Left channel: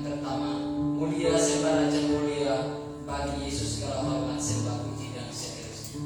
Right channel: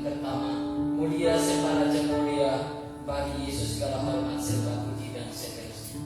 Yang pertama, mulia sembah Raja mulia, bagi Yesus segala hormat, sembah, puji dan seterusnya.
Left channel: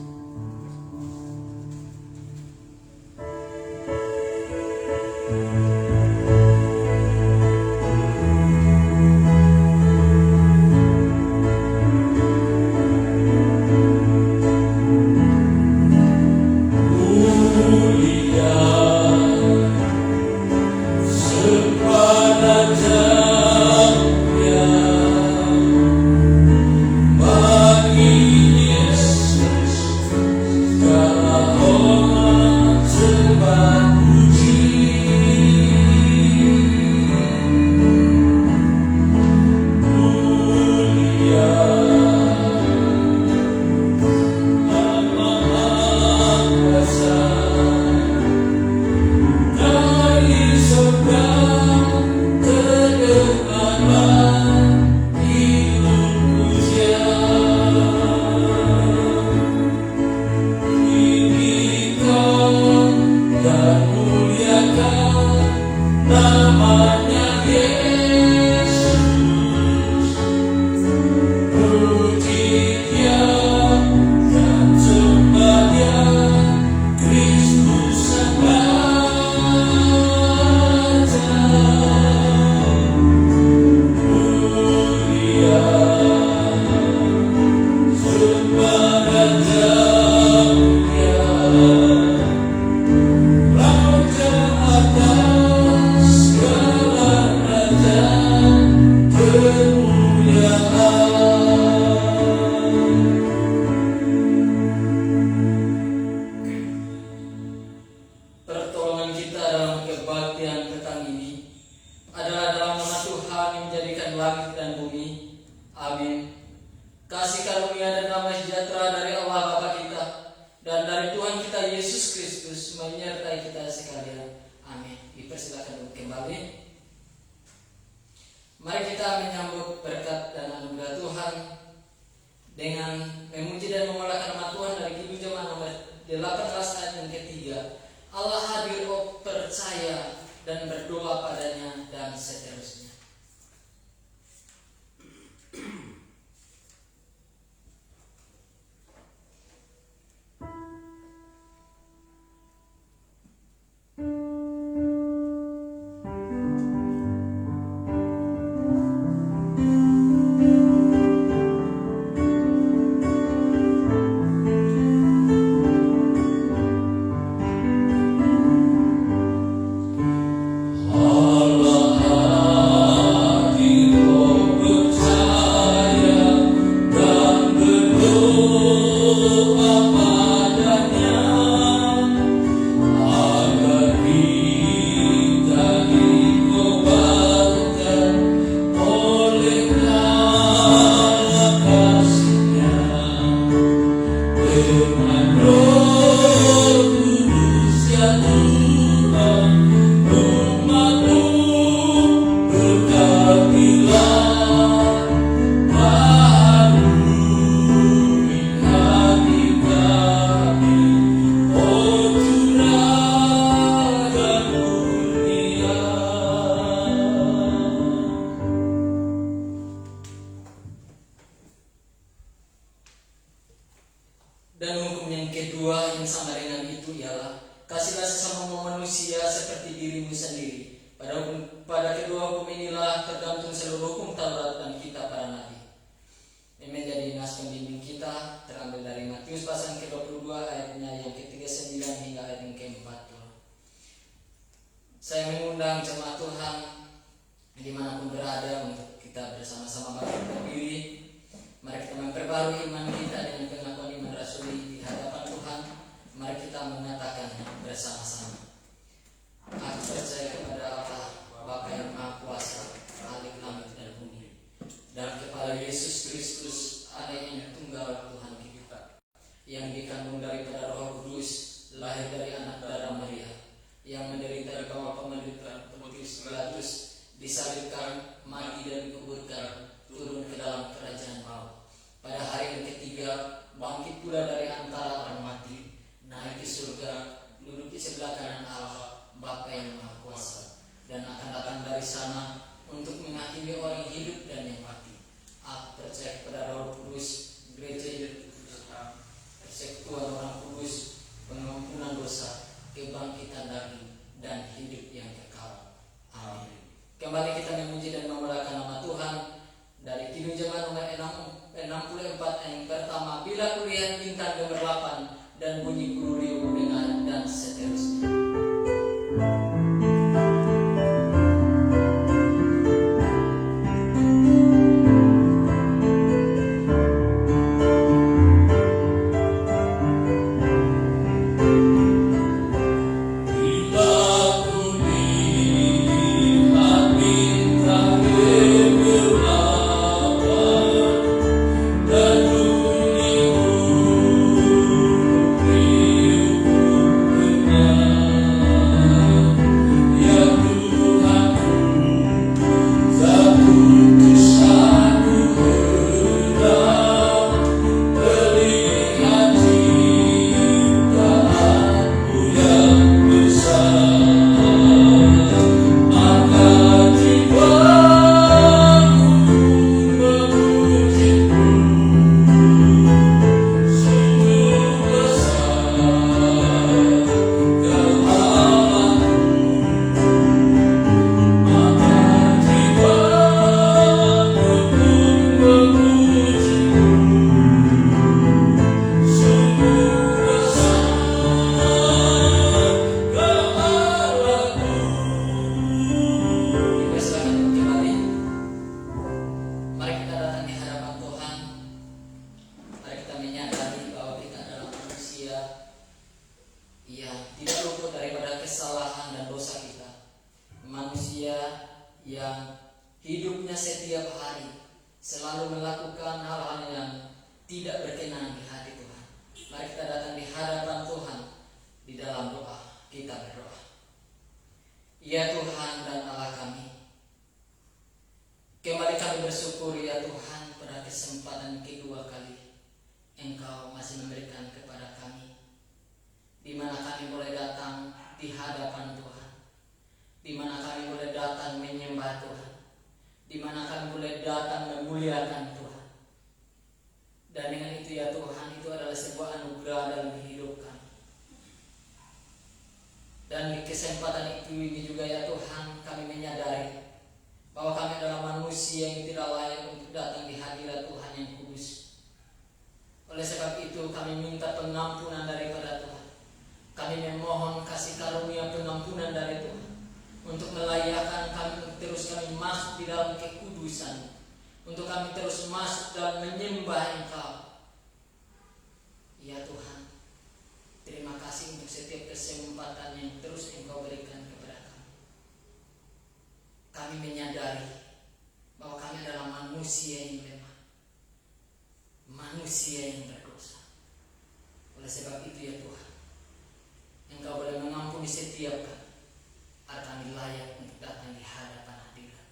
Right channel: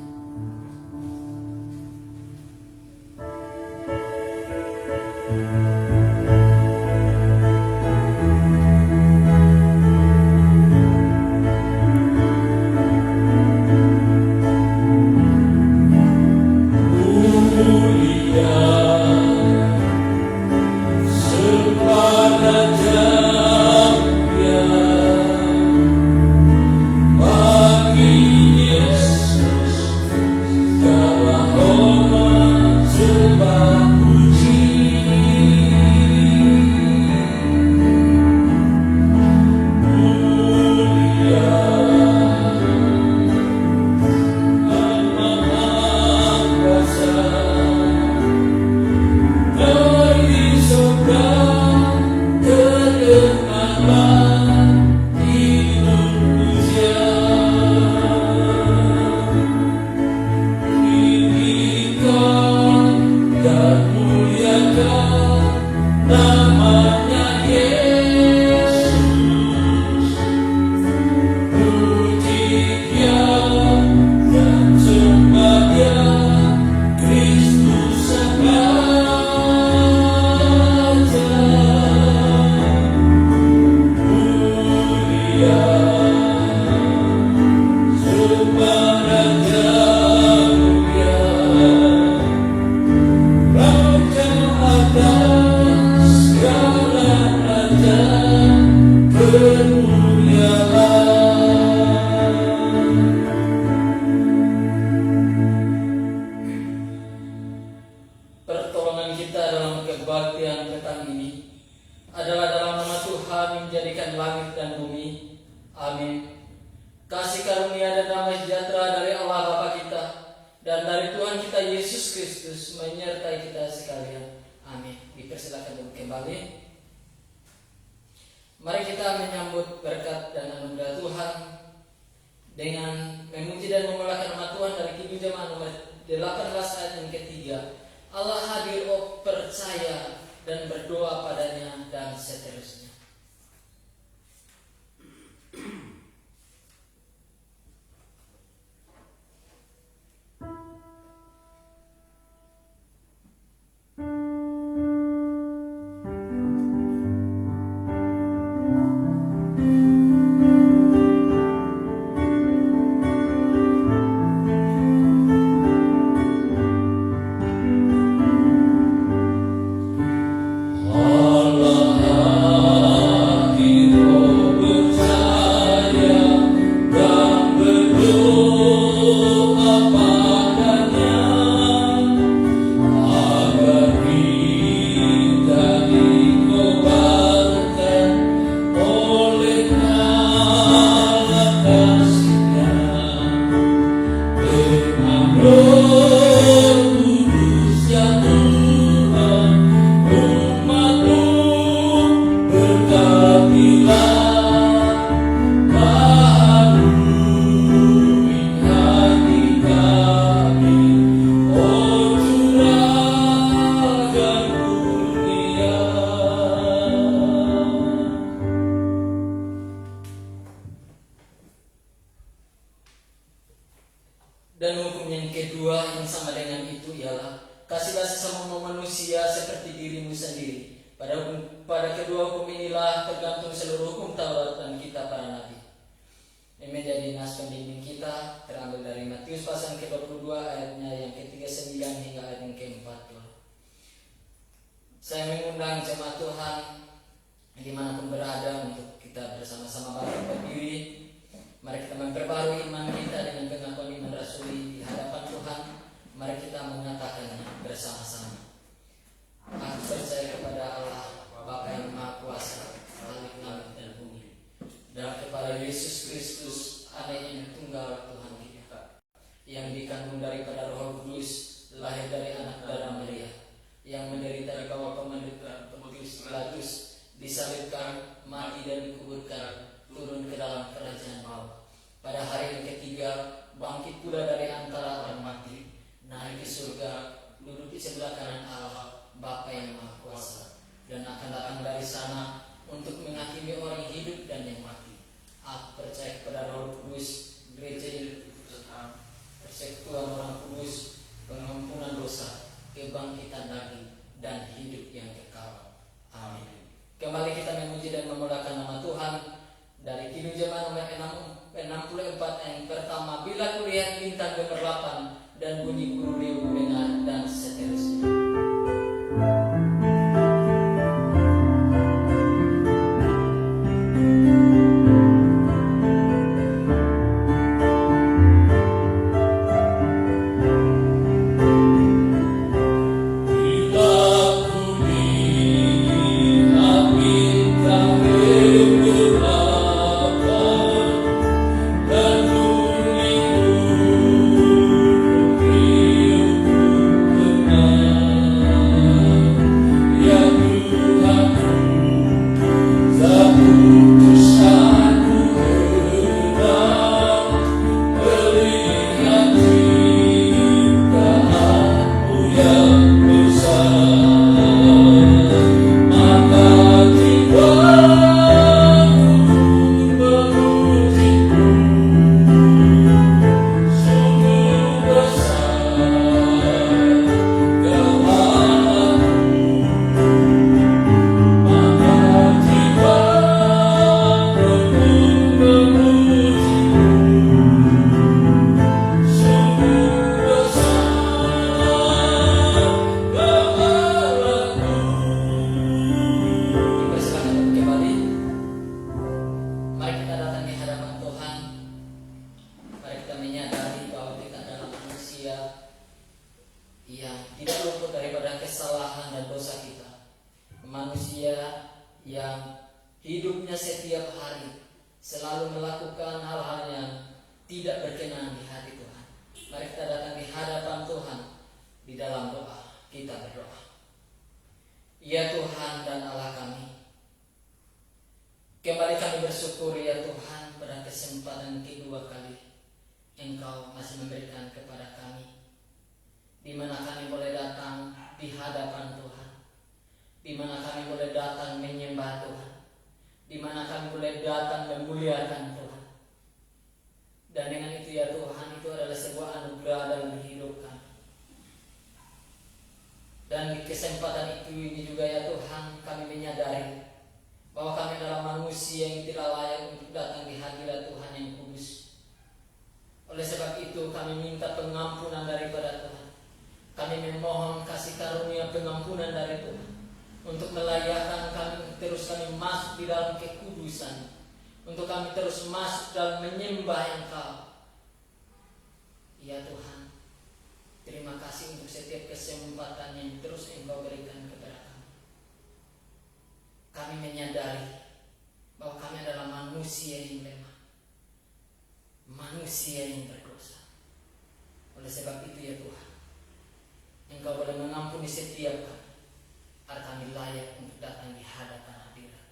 Mari kita menyambut berkat dan anugerah Tuhan dengan memuji dan memuliakan nama Tuhan dari Kidung Jemaat nomor 18 ayat yang ketiga. Allah hadir, oh percaya dan berdoa padanya dan seterusnya. Dan hukum yang kedua yang sama dengan itu ialah kasihlah sesama manusia seperti dirimu sendiri. Pada kedua hukum inilah tergantung seluruh hukum Taurat dan kitab para nabi. Ini menjadi nas pembimbing kita terambil dari Matius pasal ke-22 ayatnya yang ke-39 hingga ayat yang ke-40. Saya mengundang jemaat Tuhan dimanapun berada untuk kita bersama-sama bangkit berdiri. Mari kita memperbarui iman kita dengan pengakuan iman rasuli di hadapan Tuhan. Mari kita mengatakan bersama-sama. Aku percaya kepada Allah, Bapa yang Maha Kuasa, Khalik langit dan bumi, dan kepada Yesus Kristus, Anak yang tunggal Tuhan kita, yang dikandung daripada Roh Kudus, lahir dari anak darah Maria, yang menderita di bawah pemerintahan Pontius Pilatus, disalibkan, mati dan dikuburkan, turun ke dalam kerajaan maut. Pada hari yang ketiga, bangkit pula dari antara orang mati, naik ke surga, duduk di sebelah kanan Allah, Bapa yang Maha Kuasa, dan akan datang dari sana untuk menghakimi orang hidupnya setiap hari selalu melakukan hal-hal yang tidak berkenan di hati Tuhan. Mari kita datang di hadapan Tuhan di dalam doa. Kita berdoa. Ya Tuhan dan Allah kami, kembali kami bersyukur ya Tuhan pada kesempatan kedua kali Engkau masih memberikan kepada kami, di mana kami boleh datang di hadapan Tuhan, di mana kami boleh datang menyembah Tuhan, di mana kami boleh datang memuliakan Tuhan. Dan dengan itu ya Tuhan, itu adalah sebuah anugerah dalam hidup kami. Dan di kesempatan itu ini juga ya Tuhan, kami menyadari bahwa kami adalah manusia yang tidak layak untuk datang di hadirat Tuhan yang kudus. Oleh sebab itu kami minta pengampunan daripada Tuhan. Kami memohon kasih karunia pengampunan dari Tuhan untuk melayakkan kami, terus kami masuk di dalam kekudusan, untuk kami terus masuk dalam menyembah Engkau. Ya Tuhan, terima kasih untuk setiap kesempatan yang terus Engkau berikan kepada kami. Kami menyadari bahwa kami adalah manusia yang lemah, manusia yang berdosa. Oleh sebab itu ya Tuhan, Engkau boleh mengampuni setiap kami, agar kami layak untuk datang di hadapan hadirat.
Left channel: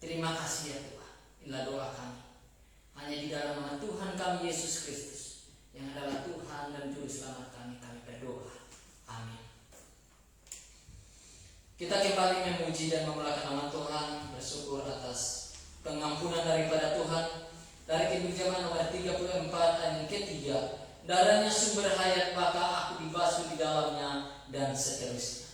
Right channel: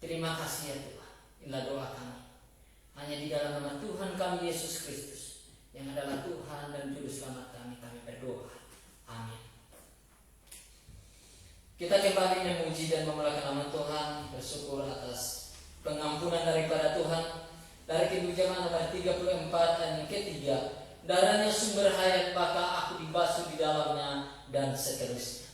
Terima kasih ya Tuhan. Inilah doa kami, hanya di dalam nama Tuhan kami Yesus Kristus, yang adalah Tuhan dan Juru Selamat kami berdoa. Amin. Kita kembali memuji dan memuliakan nama Tuhan, bersyukur atas pengampunan daripada Tuhan. Dari Kejadian nomor 34 ayat yang ketiga, darahnya sumber hayat, maka aku dibasuh di dalamnya, dan seterusnya.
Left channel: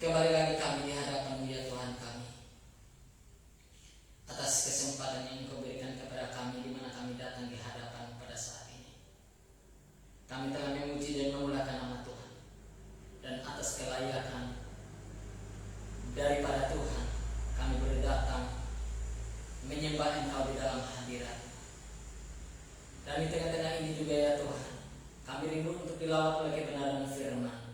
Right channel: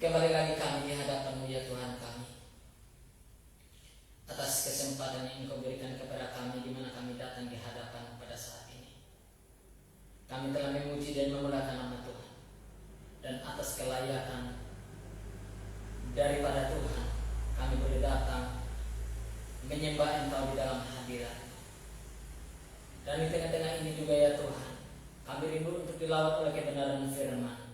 Kembali lagi kami di hadapan-Mu ya Tuhan kami, atas kesempatan yang Engkau berikan kepada kami, di mana kami datang di hadapan pada saat ini. Kami telah memuji dan memuliakan nama Tuhan, dan atas kelayakan daripada Tuhan kami boleh datang menyembah Engkau di dalam hadirat. Dan di tengah-tengah ini juga ya Tuhan, kami rindu untuk dilawat oleh kebenaran firman.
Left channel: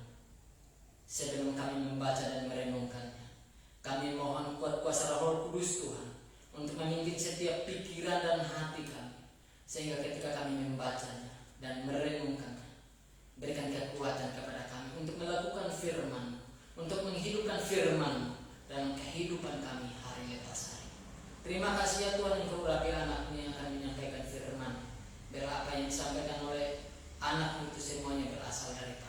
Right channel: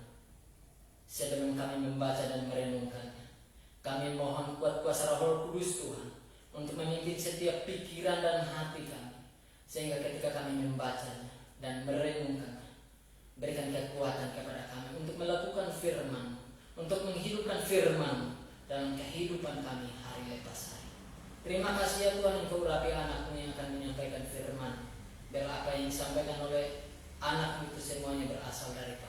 Sebelum kami membaca dan merenungkannya, kami mohon kuat kuasa Roh Kudus Tuhan untuk memimpin setiap pikiran dan hati kami, sehingga ketika kami membacanya dan merenungkannya, berikan kekuatan kepada kami untuk melakukan firman, untuk menghidupkan firman dalam kehidupan kami hari lepas hari. Terima kasih ya Tuhan, Engkau urapi anak-Mu yang akan menyampaikan firman, biar apa yang disampaikan oleh anak-Mu itu semuanya berasal daripada.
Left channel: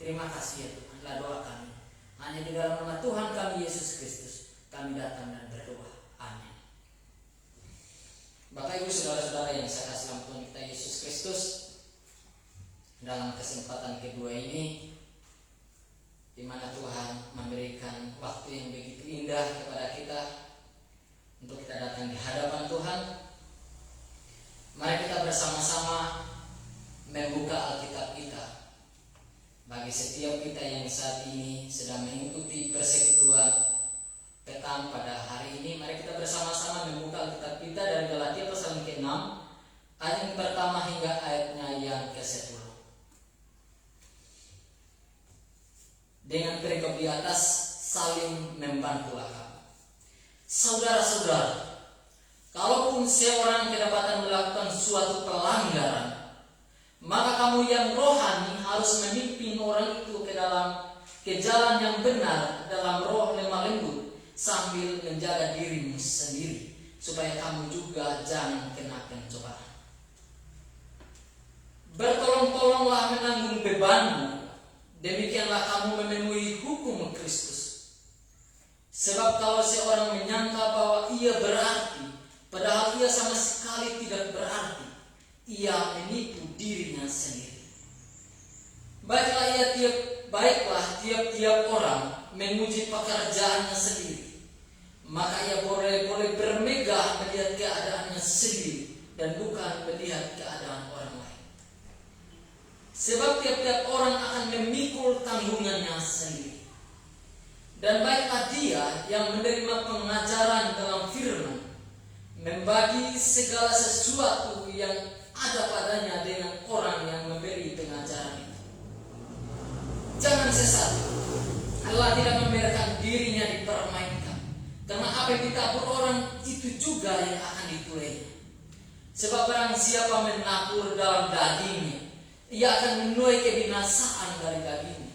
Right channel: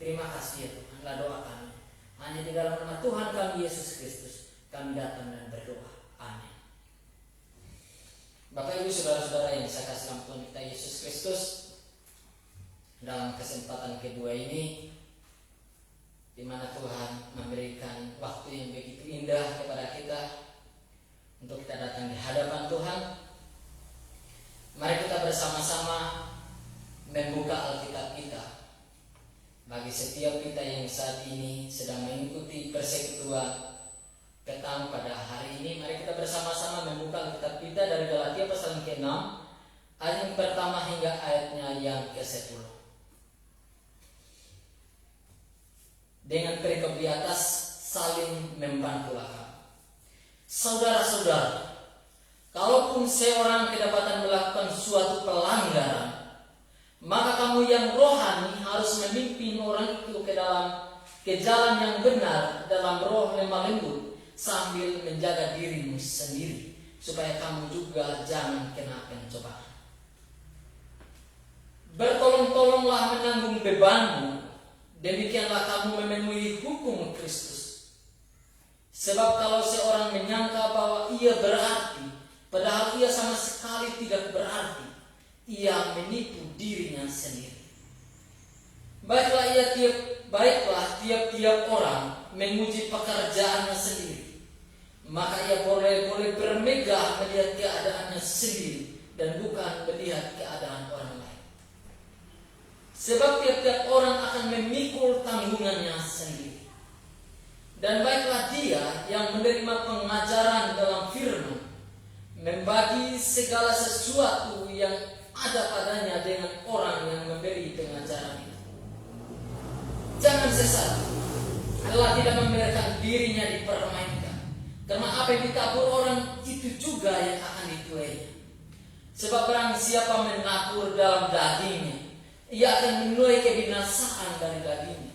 Terima kasih ya Tuhan, inilah doa kami. Hanya di dalam nama Tuhan kami Yesus Kristus kami datang dan berdoa. Amin. Bapak Ibu Saudara-saudara yang saya kasih dalam Tuhan kita Yesus Kristus, dalam kesempatan kedua ini, di mana Tuhan memberikan waktu yang begitu indah kepada kita untuk kita datang di hadapan Tuhan, mari kita bersama-sama membuka Alkitab kita. Bagi setiap kita yang saat ini sedang mengikuti persekutuan petang pada hari ini, mari kita bersama-sama membuka Alkitab kita dari Galatia pasal ke-6 ayat yang pertama hingga ayatnya yang ke-10. Dengan perikop di atas, saling membantulah. Saudara-saudara, kalaupun seorang kedapatan melakukan suatu pelanggaran, maka kamu yang rohani harus memimpin orang itu ke jalan yang benar dalam roh lemah lembut, sambil menjaga dirimu sendiri, supaya kamu juga jangan kena pencobaan. Bertolong-tolonglah menanggung bebanmu, demikianlah kamu memenuhi hukum Kristus. Sebab kalau seorang menyangka bahwa ia berarti, padahal ia sama sekali tidak berarti, ia menipu dirinya sendiri. Baiklah tiap-tiap orang memuji pekerjaannya sendiri, maka ia boleh bermegah melihat keadaannya sendiri dan bukan melihat keadaan orang lain. Sebab tiap-tiap orang akan memikul tanggungannya sendiri. Dan baiklah dia yang menerima pengajaran dalam firman, membagi segala sesuatu yang ada padanya dengan orang yang memberi pengajaran itu. Jangan sesat, Allah tidak membiarkan dirinya dipermainkan, karena apa yang ditabur orang itu juga yang akan dituai. Sebab barang siapa menabur dalam dagingnya, ia akan menuai kebinasaan dari dagingnya.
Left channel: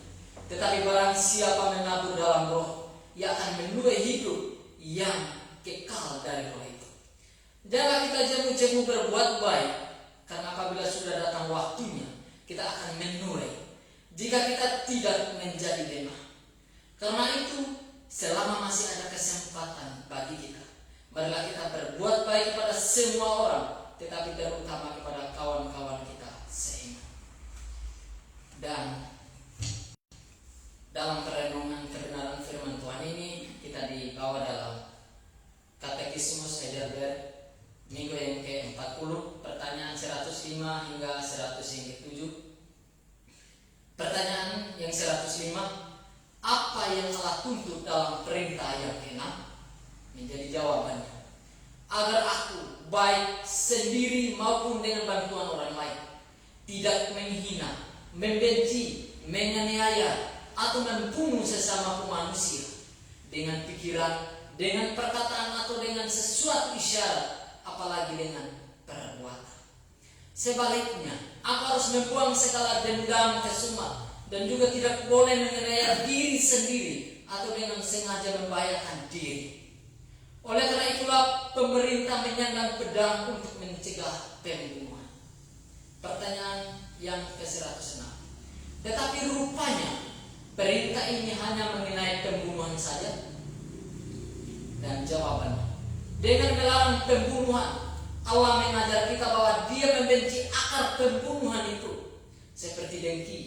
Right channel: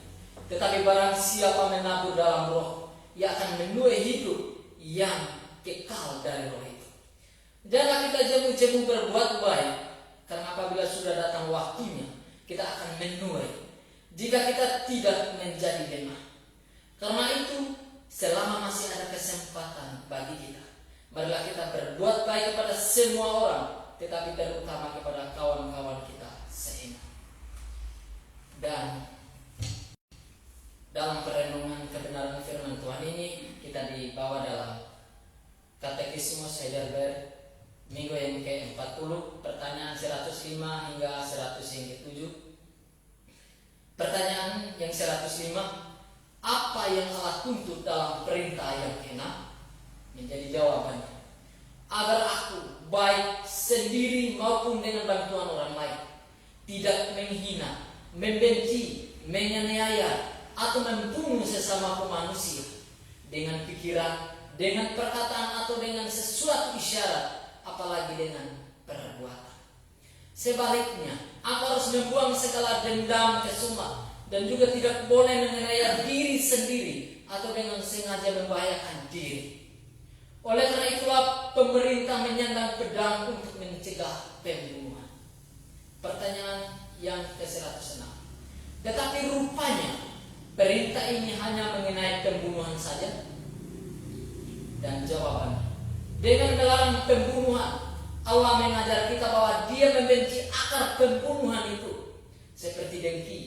Tetapi barang siapa menabur dalam roh, ia akan menuai hidup yang kekal dari roh itu. Jangan kita jemu-jemu berbuat baik, karena apabila sudah datang waktunya, kita akan menuai jika kita tidak menjadi lemah. Karena itu, selama masih ada kesempatan bagi kita, marilah kita berbuat baik kepada semua orang, tetapi terutama kepada kawan-kawan kita seiman. Dan dalam perenungan kebenaran firman Tuhan ini, kita dibawa dalam Katekismus Heidelberg minggu yang ke-40, pertanyaan 105 hingga 107. Pertanyaan yang 105, apa yang Allah tuntut dalam perintah yang ke-6? Menjadi jawabannya, agar aku baik sendiri maupun dengan bantuan orang lain, tidak menghina, membenci, menganiaya, atau membunuh sesamaku manusia dengan pikiran, dengan perkataan, atau dengan sesuatu isyarat, apalagi dengan perbuatan. Sebaliknya, aku harus membuang segala dendam, kesumat, dan juga tidak boleh menganiaya diri sendiri atau dengan sengaja membahayakan diri. Oleh karena itulah pemerintah menyandang pedang untuk mencegah pembunuhan. Pertanyaan yang ke-106. Tetapi rupanya perintah ini hanya mengenai pembunuhan saja? Dan jawabannya, dengan melarang pembunuhan, Allah mengajar kita bahwa Dia membenci akar pembunuhan itu, seperti dengki,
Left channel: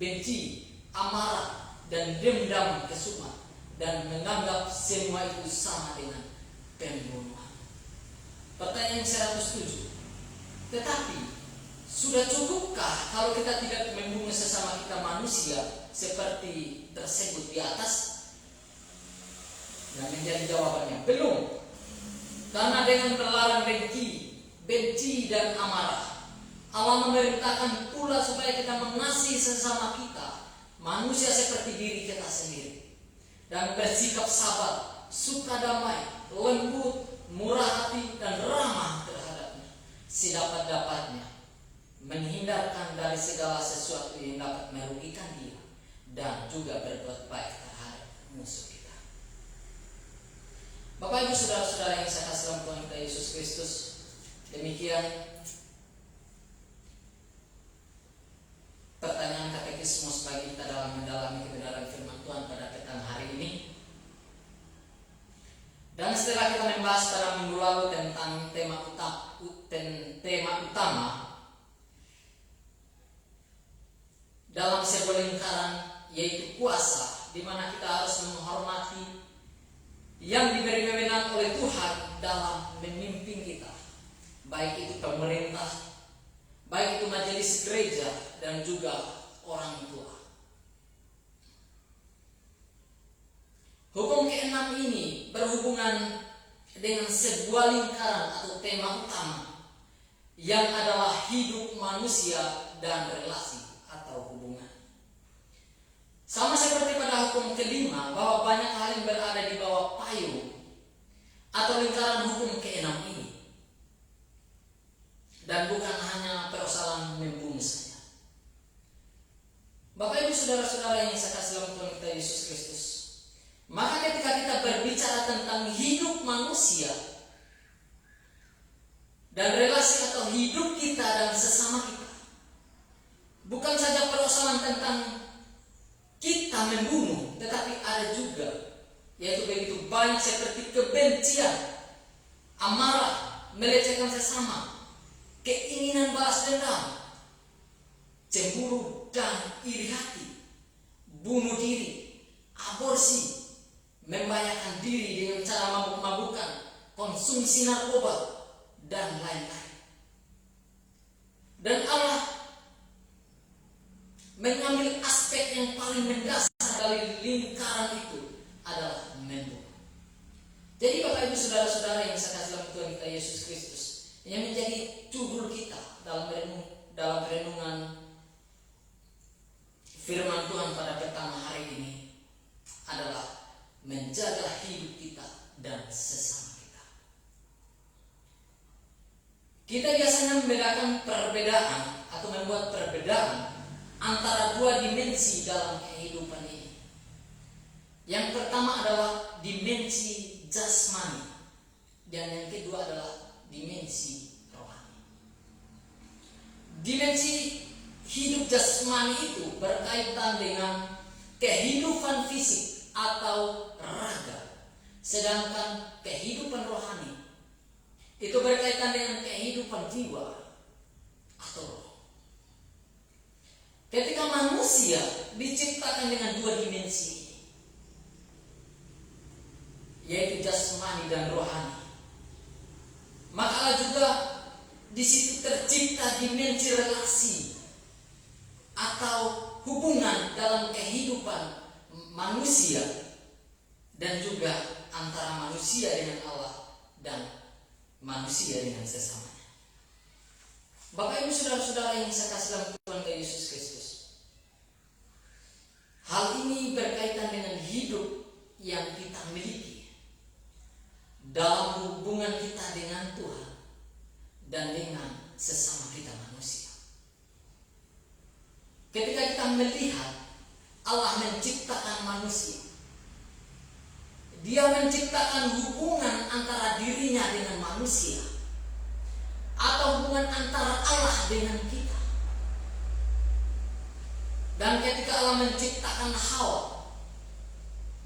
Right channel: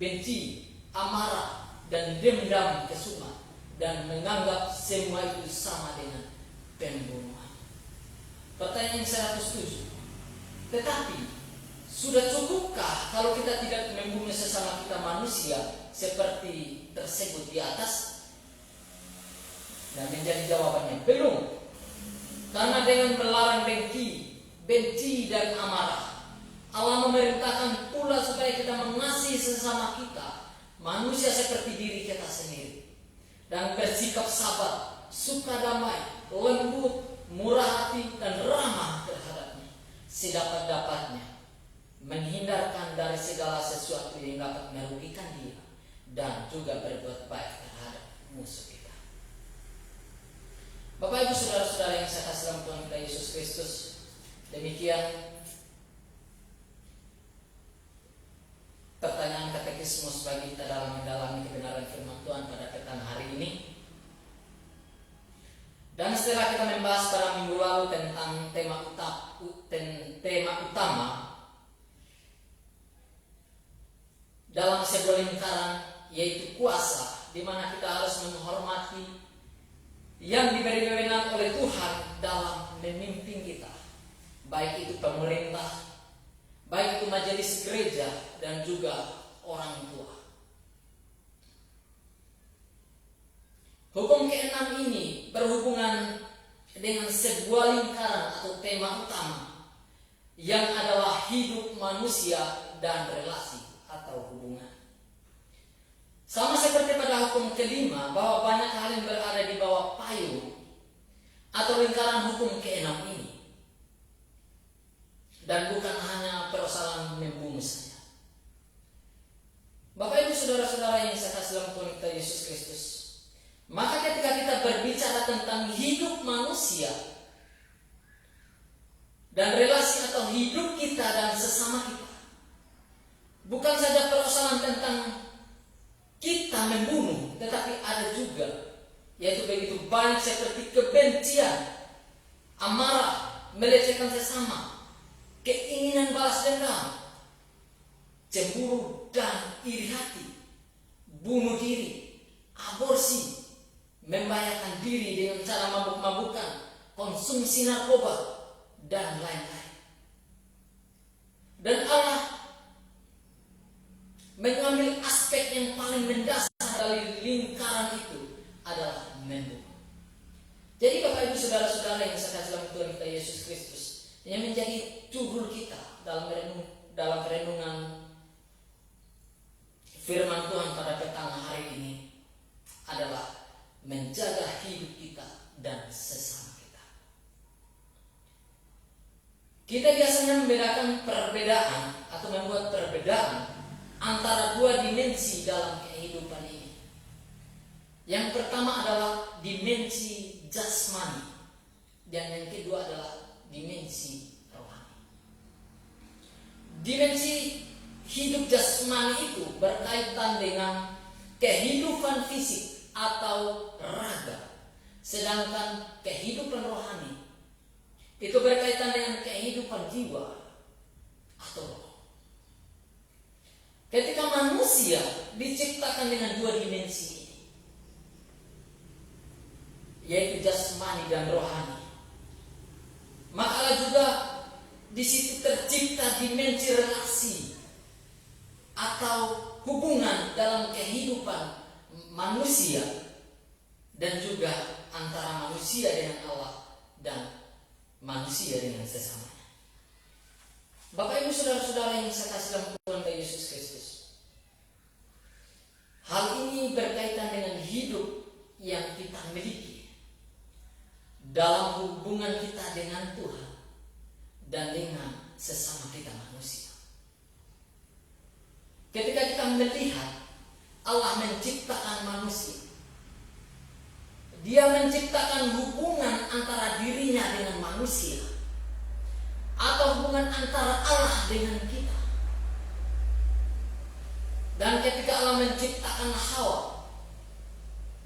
benci, amarah, dan dendam, kesumat, dan menganggap semua itu sama dengan pembunuhan. Pertanyaan 107. Tetapi sudah cukupkah kalau kita tidak membunuh sesama kita manusia seperti tersebut di atas? Dan menjadi jawabannya, belum. Karena dengan melarang dengki, benci, dan amarah, Allah memerintahkan pula supaya kita mengasihi sesama kita, manusia seperti diri kita sendiri, dan bersikap sabar, suka damai, lembut, murah hati, dan ramah terhadapnya, sedapat-dapatnya, menghindarkan dari segala sesuatu yang dapat merugikan dia, dan juga berbuat baik terhadap musuh kita. Bapak Ibu saudara-saudara yang saya kasih dalam Tuhan kita Yesus Kristus, demikian pertanyaan katekismus bagi kita dalam mendalami kebenaran firman Tuhan pada petang hari ini. Dan setelah kita membahas pada minggu lalu tentang tema utama dalam sebuah lingkaran, yaitu kuasa, di mana kita harus menghormati yang diberi wewenang oleh Tuhan dalam memimpin kita, baik itu pemerintah, baik itu majelis gereja, dan juga orang tua. Hukum ke-6 ini berhubungan dengan sebuah lingkaran atau tema utama, yang adalah hidup manusia dan relasi atau hubungan. Sama seperti pada hukum kelima, bahwa banyak hal yang berada di bawah payung atau lingkaran hukum keenam ini, dan bukan hanya persoalan membunuh saja. Bapak Ibu saudara-saudara yang saya kasih dalam Tuhan kita Yesus Kristus, maka ketika kita berbicara tentang hidup manusia dan relasi atau hidup kita dan sesama kita, bukan saja persoalan tentang kita membunuh, tetapi ada juga, yaitu begitu banyak seperti kebencian, amarah, melecehkan sesama, keinginan balas dendam, cemburu dan iri hati, bunuh diri, aborsi, membahayakan diri dengan cara mabuk-mabukan, konsumsi narkoba, dan lain-lain. Dan Allah mengambil aspek yang paling mendasar dari lingkaran itu adalah membunuh. Jadi Bapak Ibu saudara-saudara yang saya kasih dalam Tuhan kita Yesus Kristus, yang menjadi judul kita dalam renungan firman Tuhan pada petang hari ini adalah menjaga hidup kita dan sesama kita. Kita biasanya membedakan perbedaan atau membuat perbedaan antara dua dimensi dalam kehidupan ini. Yang pertama adalah dimensi jasmani, dan yang kedua adalah dimensi rohani. Dimensi hidup jasmani itu berkaitan dengan kehidupan fisik atau raga, sedangkan kehidupan rohani itu berkaitan dengan kehidupan jiwa atau roh. Ketika manusia diciptakan dengan dua dimensi ini, yaitu jasmani dan rohani, maka Allah juga di situ tercipta dimensi relasi atau hubungan dalam kehidupan manusia dan juga antara manusia dengan Allah dan manusia dengan sesamanya. Bapak Ibu saudara-saudara yang saya kasih dalam Tuhan Yesus Kristus, hal ini berkaitan dengan hidup yang kita miliki dalam hubungan kita dengan Tuhan dan dengan sesama kita manusia. Ketika kita melihat Allah menciptakan manusia, Dia menciptakan hubungan antara dirinya dengan manusia atau hubungan antara Allah dengan kita. Dan ketika Allah menciptakan Hawa,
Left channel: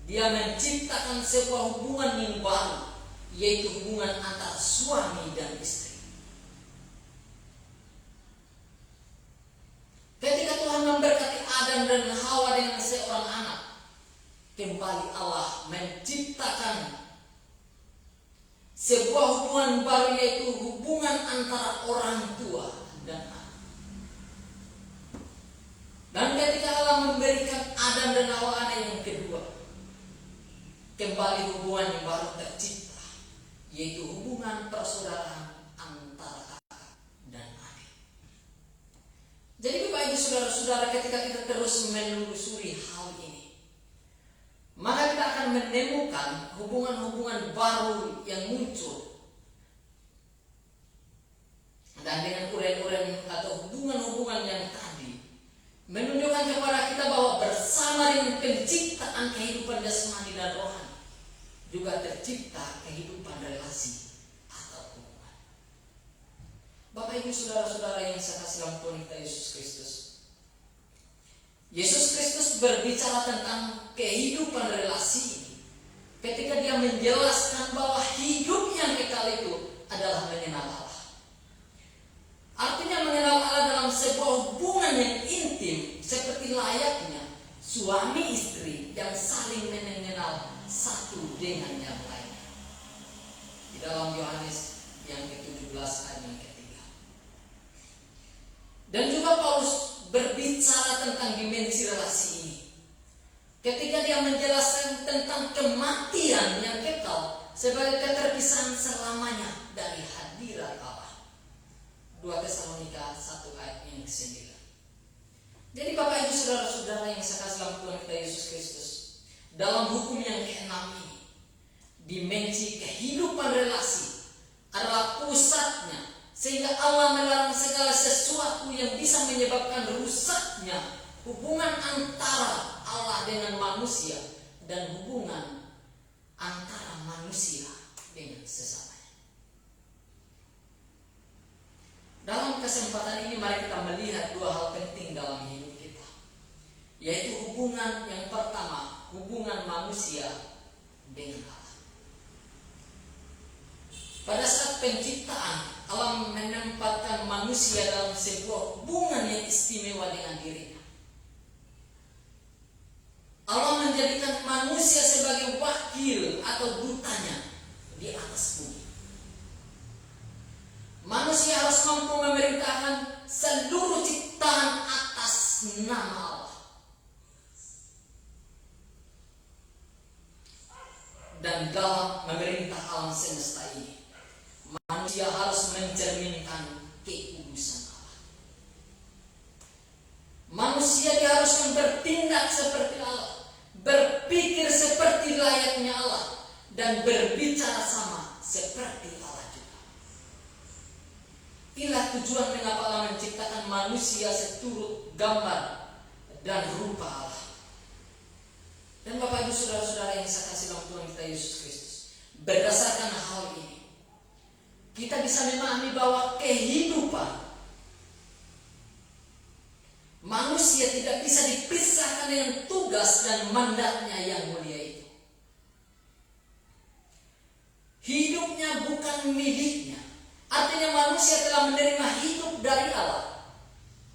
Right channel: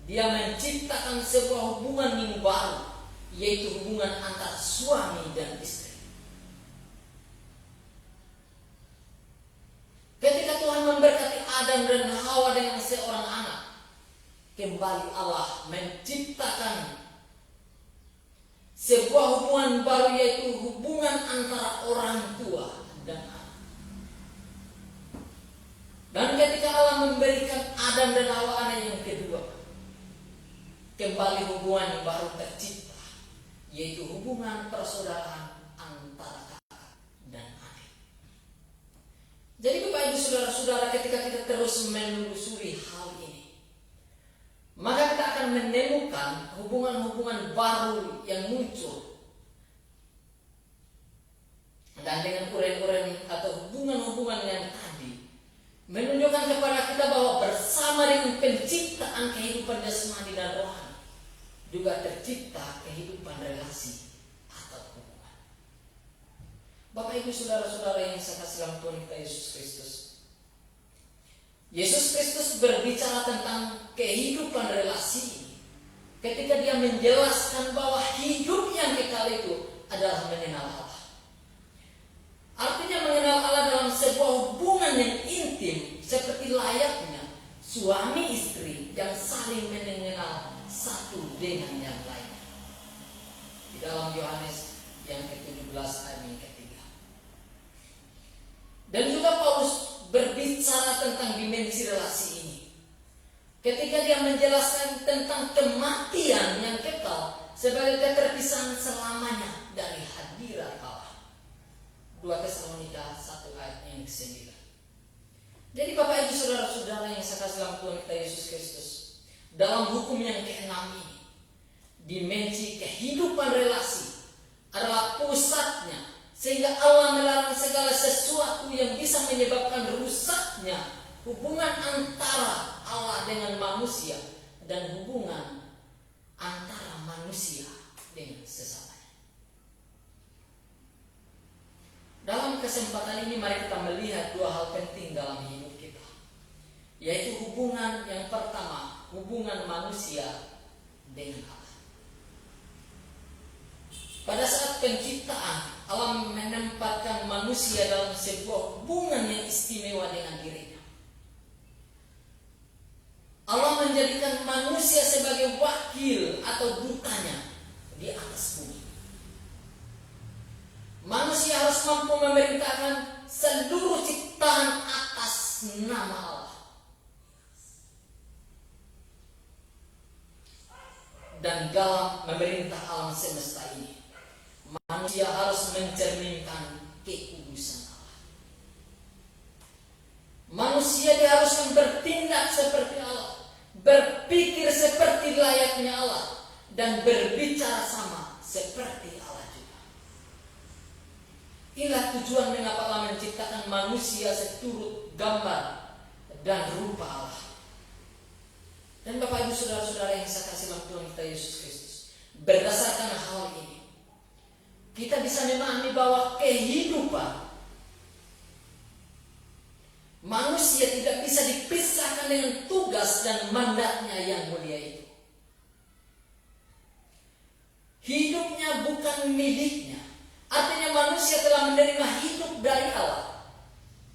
Dia menciptakan sebuah hubungan yang baru, yaitu hubungan antara suami dan istri. Ketika Tuhan memberkati Adam dan Hawa dengan seorang anak, kembali Allah menciptakan sebuah hubungan baru, yaitu hubungan antara orang tua dan anak. Dan ketika Allah memberikan Adam dan Hawa anak yang kedua, kembali hubungan yang baru tercipta, yaitu hubungan persaudaraan antara kakak dan adik. Jadi Bapak Ibu saudara-saudara, ketika kita terus menelusuri hal ini, maka kita akan menemukan hubungan-hubungan baru yang muncul. Dan dengan uren-uren atau hubungan-hubungan yang tadi menunjukkan kepada kita bahwa bersama dengan penciptaan kehidupan jasmani dan rohani juga tercipta kehidupan relasi atau hubungan. Bapak Ibu saudara-saudara yang saya kasih dalam Tuhan kita Yesus Kristus, Yesus Kristus berbicara tentang kehidupan relasi ini ketika Dia menjelaskan bahwa hidup yang kekal itu adalah mengenal Allah. Artinya mengenal Allah dalam sebuah hubungan yang intim, seperti layaknya suami istri yang saling mengenal satu dengan yang lain. Di dalam Yohanes yang ke-17 ayat yang ketiga. Dan juga Paulus berbicara tentang dimensi relasi ini ketika dia menjelaskan tentang kematian yang kekal sebagai keterpisahan selamanya dari hadirat Allah. 2 2 Tesalonika 1 ayat yang ke-9. Jadi Bapak Ibu saudara-saudara yang saya kasih dalam Tuhan kita Yesus Kristus, dalam hukum yang ke-6 ini, dimensi kehidupan relasi adalah pusatnya, sehingga Allah melarang segala sesuatu yang bisa menyebabkan rusaknya hubungan antara Allah dengan manusia dan hubungan antara manusia dengan sesamanya. Dalam kesempatan ini mari kita melihat 2 hal penting dalam hidup kita, yaitu hubungan yang pertama, hubungan manusia dengan Allah. Pada saat penciptaan, Allah menempatkan manusia dalam sebuah hubungan yang istimewa dengan dirinya. Allah menjadikan manusia sebagai wakil atau dutanya di atas bumi. Manusia harus mampu memerintahkan seluruh ciptaan atas nama Allah. Dan dalam memerintah alam semesta ini, manusia harus mencerminkan kekudusan Allah. Manusia diharuskan bertindak seperti Allah, berpikir seperti layaknya Allah, dan berbicara sama seperti Allah juga. Inilah tujuan mengapa Allah menciptakan manusia seturut gambar dan rupa Allah. Dan Bapak Ibu saudara-saudara yang saya kasih dalam Tuhan kita Yesus Kristus, berdasarkan hal ini, kita bisa memahami bahwa kehidupan manusia tidak bisa dipisahkan dengan tugas dan mandatnya yang mulia itu. Hidupnya bukan miliknya. Artinya manusia telah menerima hidup dari Allah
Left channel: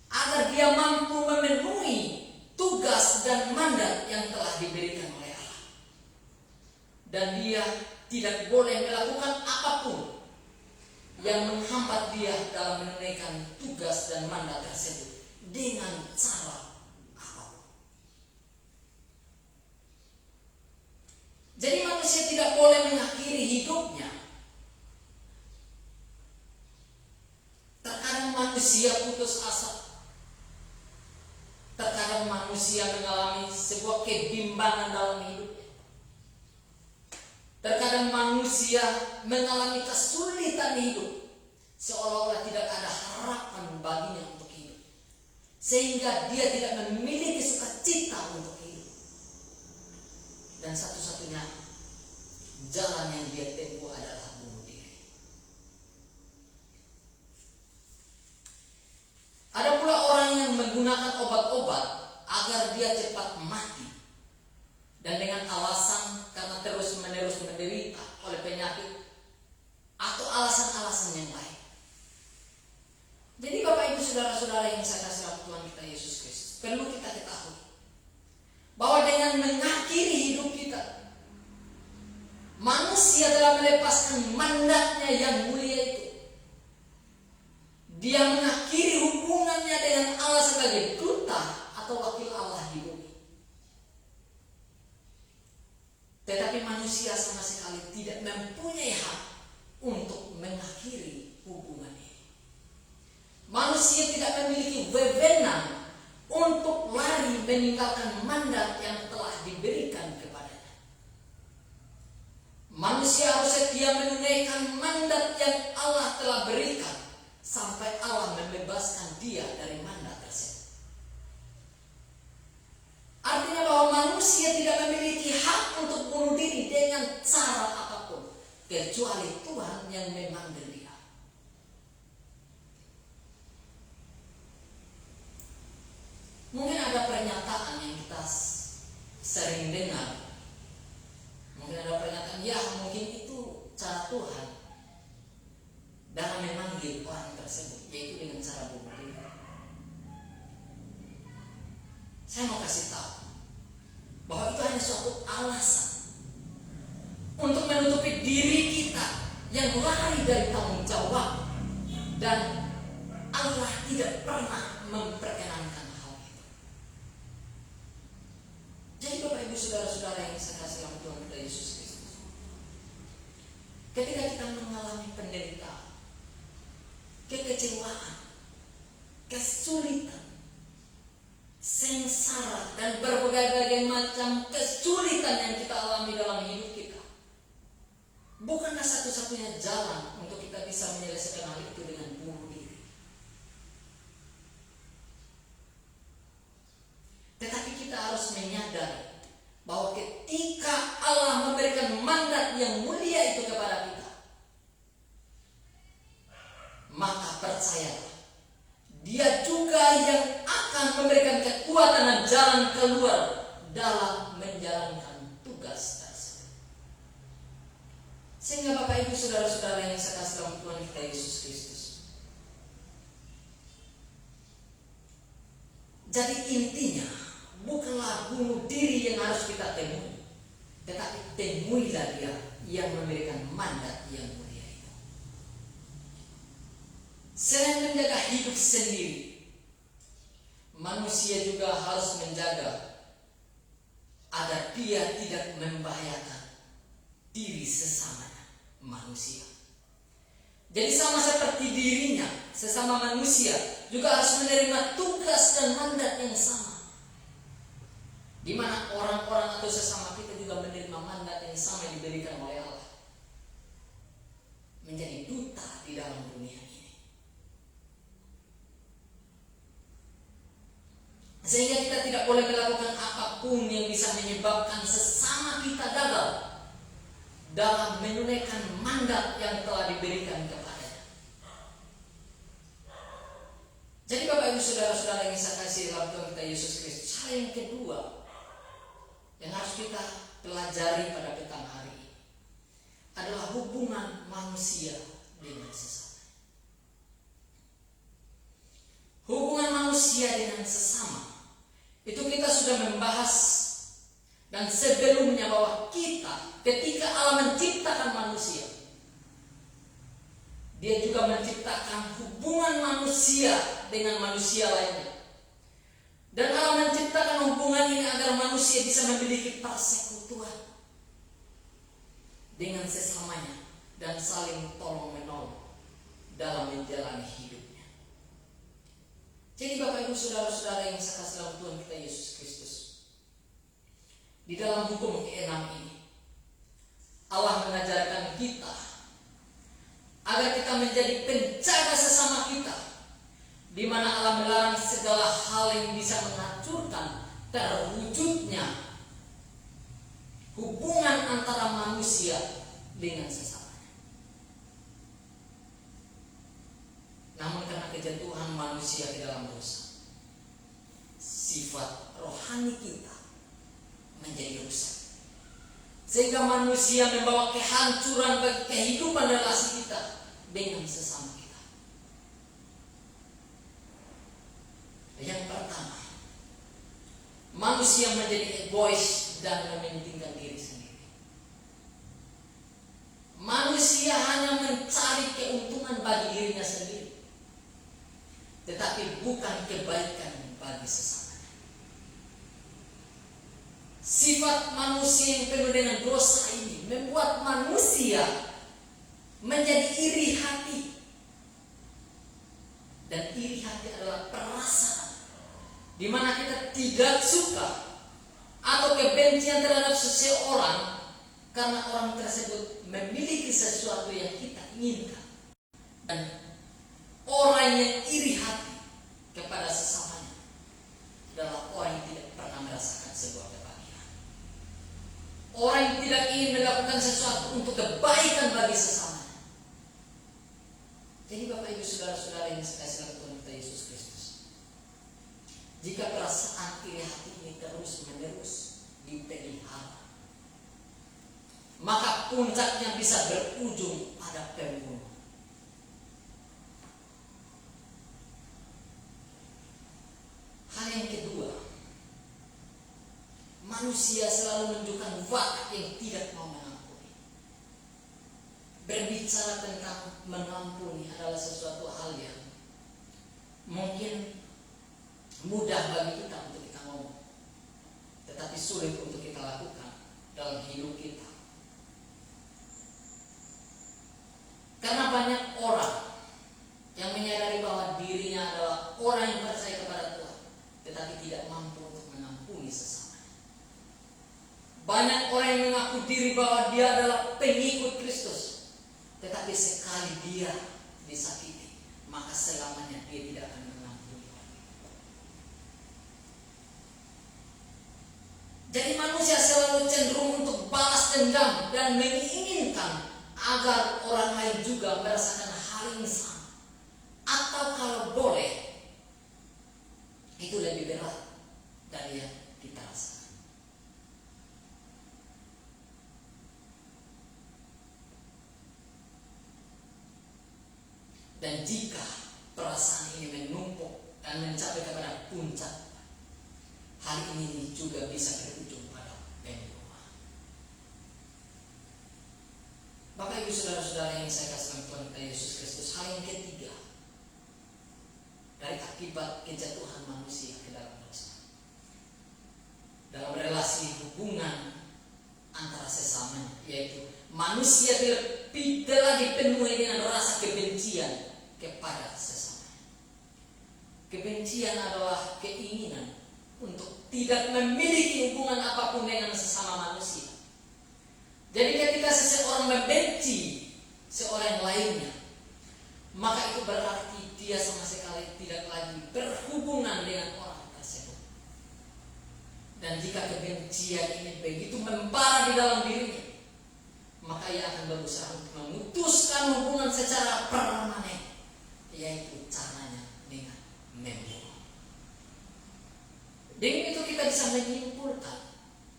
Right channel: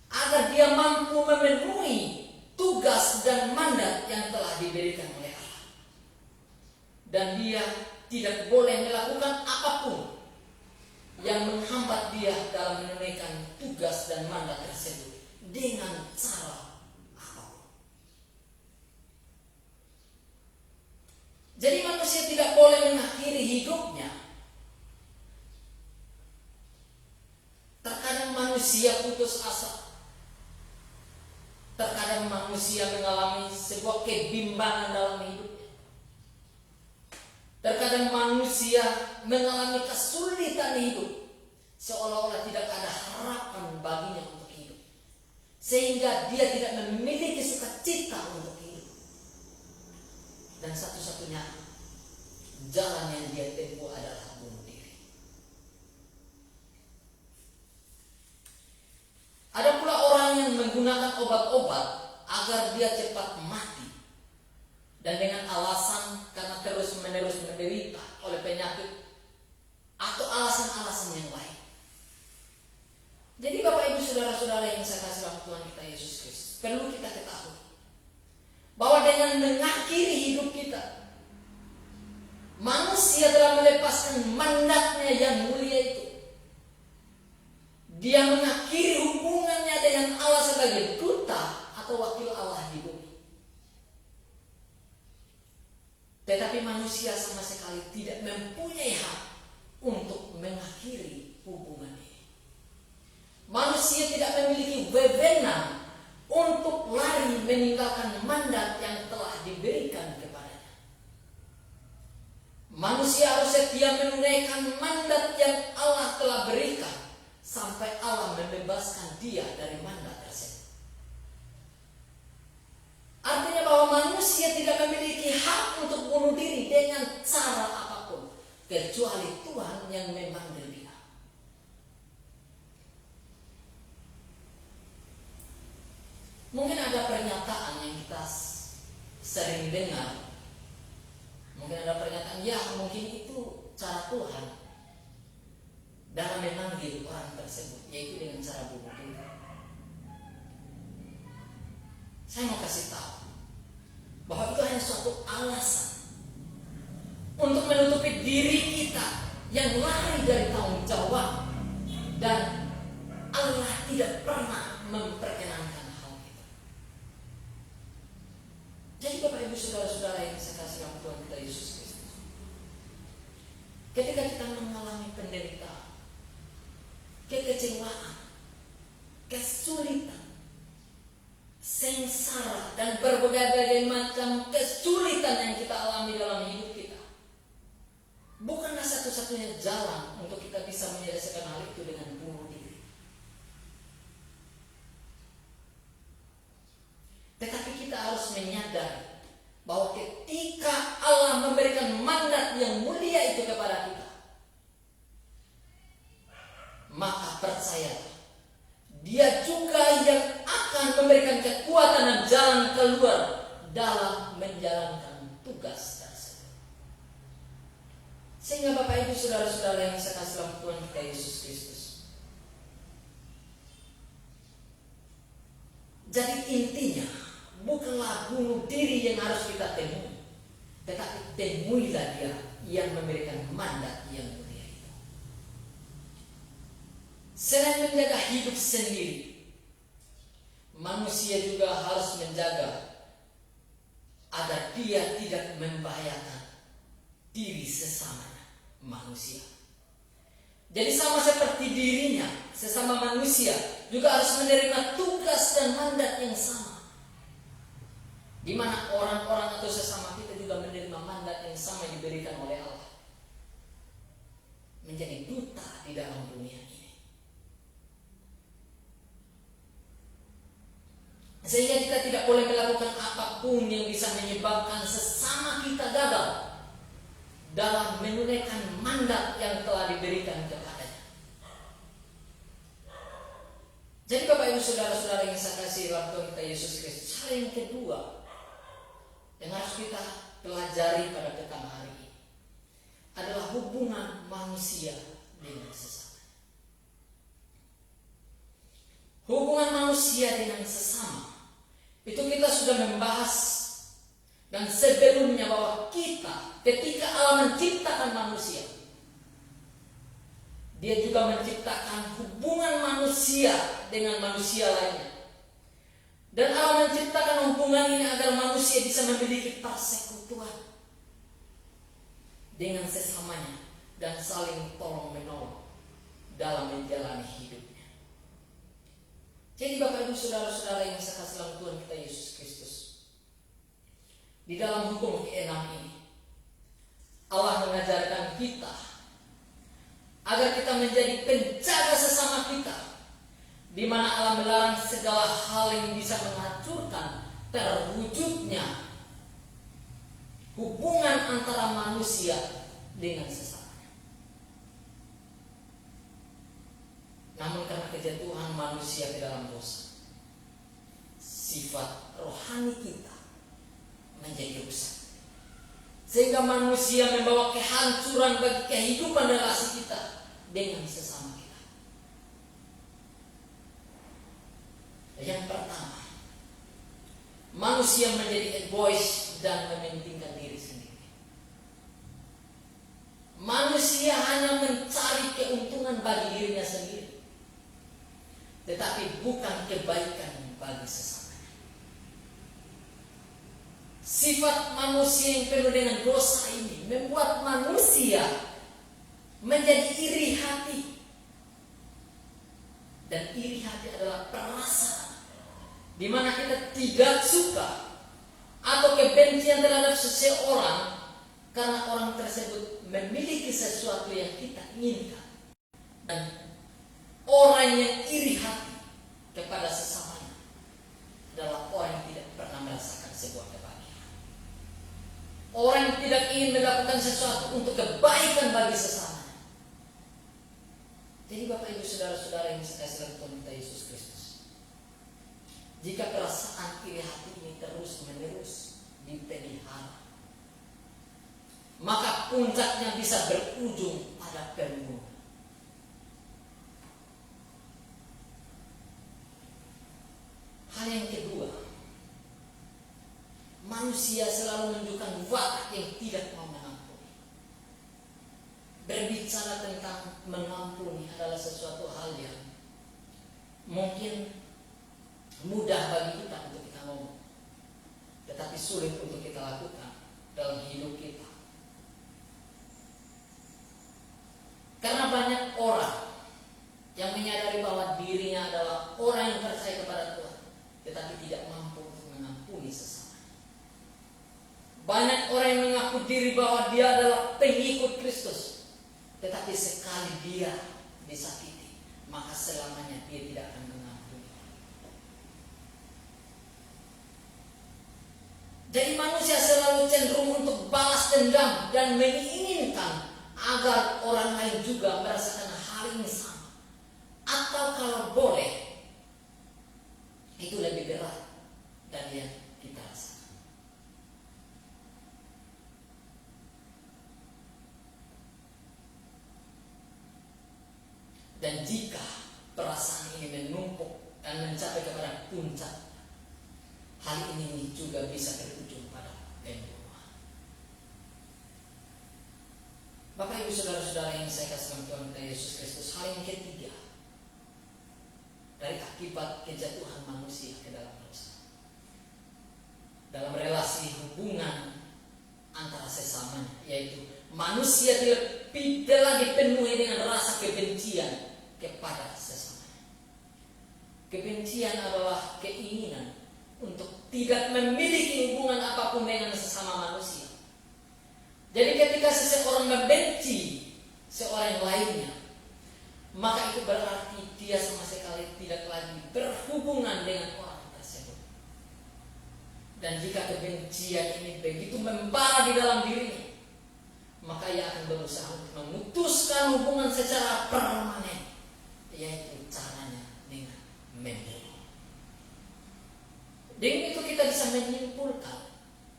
agar dia mampu memenuhi tugas dan mandat yang telah diberikan oleh Allah. Dan dia tidak boleh melakukan apapun yang menghambat dia dalam menunaikan tugas dan mandat tersebut dengan cara apapun. Jadi manusia tidak boleh mengakhiri hidupnya. Terkadang manusia putus asa. Terkadang manusia mengalami sebuah kebimbangan dalam hidupnya. Terkadang manusia mengalami kesulitan hidup, seolah-olah tidak ada harapan baginya untuk hidup, sehingga dia tidak memiliki sukacita untuk hidup. Dan satu-satunya jalan yang dia tempuh adalah bunuh diri. Ada pula orang yang menggunakan obat-obat agar dia cepat mati, dan dengan alasan karena terus-menerus menderita oleh penyakit atau alasan-alasan yang lain. Jadi Bapak Ibu saudara-saudara yang saya kasih dalam Tuhan kita Yesus Kristus, perlu kita ketahui bahwa dengan mengakhiri hidup kita, manusia telah melepaskan mandatnya yang mulia itu. Dia mengakhiri hubungannya dengan Allah sebagai duta atau wakil Allah di bumi. Tetapi manusia sama sekali tidak mempunyai hak untuk mengakhiri hubungan ini. Manusia tidak memiliki wewenang untuk lari meninggalkan mandat yang telah diberikan kepadanya. Manusia harus setia menunaikan mandat yang Allah telah berikan sampai Allah membebaskan dia dari mandat tersebut. Artinya bahwa manusia tidak memiliki hak untuk bunuh diri dengan cara apapun, kecuali Tuhan yang memanggil dia. Mungkin ada pernyataan yang kita sering dengar. Mungkin ada pernyataan, ya mungkin itu cara Tuhan dalam memanggil orang tersebut, yaitu dengan cara bunuh diri. Saya mau kasih tahu bahwa itu hanya suatu alasan untuk menutupi diri kita yang lari dari tanggung jawab, dan Allah tidak pernah memperkenankan hal itu. Jadi Bapak Ibu saudara-saudara yang saya kasih dalam Tuhan kita Yesus Kristus, ketika kita mengalami penderitaan, kekecewaan, kesulitan, sengsara, dan berbagai macam kesulitan yang kita alami dalam hidup kita, bukanlah satu-satunya jalan untuk kita bisa menyelesaikan hal itu dengan bunuh diri. Tetapi kita harus menyadari bahwa ketika Allah memberikan mandat yang mulia itu kepada kita, maka percayalah, Dia juga yang akan memberikan kekuatan dan jalan keluar dalam menjalankan tugas tersebut. Sehingga Bapak Ibu Saudara-saudara yang saya kasih dalam Tuhan kita Yesus Kristus, jadi intinya bukanlah bunuh diri yang harus kita temui, tetapi temuilah Dia yang memberikan mandat yang mulia itu. Selain menjaga hidup sendiri, manusia juga harus menjaga agar dia tidak membahayakan diri sesamanya manusia. Jadi sama seperti dirinya, sesama manusia juga harus menerima tugas dan mandat yang sama, di mana orang-orang atau sesama kita juga menerima mandat yang sama yang diberikan oleh Allah, menjadi duta di dalam dunia ini. Sehingga kita tidak boleh melakukan apapun yang bisa menyebabkan sesama kita gagal dalam menunaikan mandat yang telah diberikan kepadanya. Jadi Bapak Ibu Saudara-saudara yang saya kasih dalam Tuhan kita Yesus Kristus, hal yang kedua yang harus kita pelajari pada petang hari ini adalah hubungan manusia dengan sesama. Hubungan manusia dengan sesama itu kita sudah membahas dan sebelumnya, bahwa kita ketika Allah menciptakan manusia, Dia juga menciptakan hubungan manusia dengan manusia lainnya. Dan Allah menciptakan hubungan ini agar manusia bisa memiliki persekutuan dengan sesamanya dan saling tolong menolong dalam menjalani hidupnya. Jadi Bapak Ibu Saudara-saudara yang saya kasih dalam Tuhan kita Yesus Kristus, di dalam hukum ke-6 ini Allah mengajarkan kita agar kita menjadi penjaga sesama kita, di mana Allah melarang segala hal yang bisa menghancurkan terwujudnya hubungan antara manusia dengan sesamanya. Namun karena kejatuhan manusia di dalam dosa, sifat rohani kita menjadi rusak, sehingga manusia membawa kehancuran bagi kehidupan relasi kita dengan sesama kita. Yang pertama, manusia menjadi egois dan mementingkan diri sendiri. Manusia hanya mencari keuntungan bagi dirinya sendiri, tetapi bukan kebaikan bagi sesamanya. Sifat manusia yang penuh dengan dosa ini membuat manusia menjadi iri hati. Dan iri hati adalah perasaan di mana kita tidak suka atau kebencian terhadap seseorang karena orang tersebut memiliki sesuatu yang kita inginkan. Dan orang yang iri hati kepada sesamanya adalah orang yang tidak pernah merasakan sebuah kebahagiaan. Orang yang tidak ingin melakukan sesuatu untuk kebaikan bagi sesamanya. Jadi Bapak Ibu Saudara-saudara yang saya kasih dalam Tuhan kita Yesus Kristus, jika perasaan iri hati ini terus menerus dipelihara, maka puncaknya bisa berujung pada pembunuhan. Hal yang kedua, manusia selalu menunjukkan watak yang tidak mau mengampuni. Berbicara tentang mengampuni adalah sesuatu hal yang mungkin mudah bagi kita untuk kita ngomong, tetapi sulit untuk kita lakukan dalam hidup kita. Karena banyak orang yang tidak mampu untuk mengampuni sesamanya. Banyak orang yang mengaku diri bahwa dia adalah pengikut Kristus, tetapi sekali dia disakiti, maka selamanya dia tidak akan mengampuni. Jadi manusia selalu cenderung untuk balas dendam dan menginginkan agar orang lain juga merasakan hal yang sama. Atau kalau boleh, itu lebih berat dari yang kita rasakan. Dan jika perasaan ini menumpuk dan mencapai kepada puncak, hal ini juga bisa berujung pada pembunuhan. Bapak Ibu saudara-saudara yang saya kasih Tuhan kita Yesus Kristus, hal yang ketiga dari akibat kejatuhan manusia ke dalam dosa, dalam relasi hubungan antara sesamanya, yaitu manusia tidak lagi dipenuhi dengan rasa kebencian kepada sesamanya. Kebencian adalah keinginan untuk tidak memiliki hubungan apapun dengan sesama manusia. Jadi ketika seseorang membenci seorang lainnya, maka itu berarti dia sama sekali tidak lagi berhubungan dengan orang tersebut. Dan jika kebencian ini begitu membara di dalam dirinya, maka ia akan berusaha untuk memutuskan hubungan secara permanen, yaitu caranya dengan membunuh. Dengan itu kita bisa menyimpulkan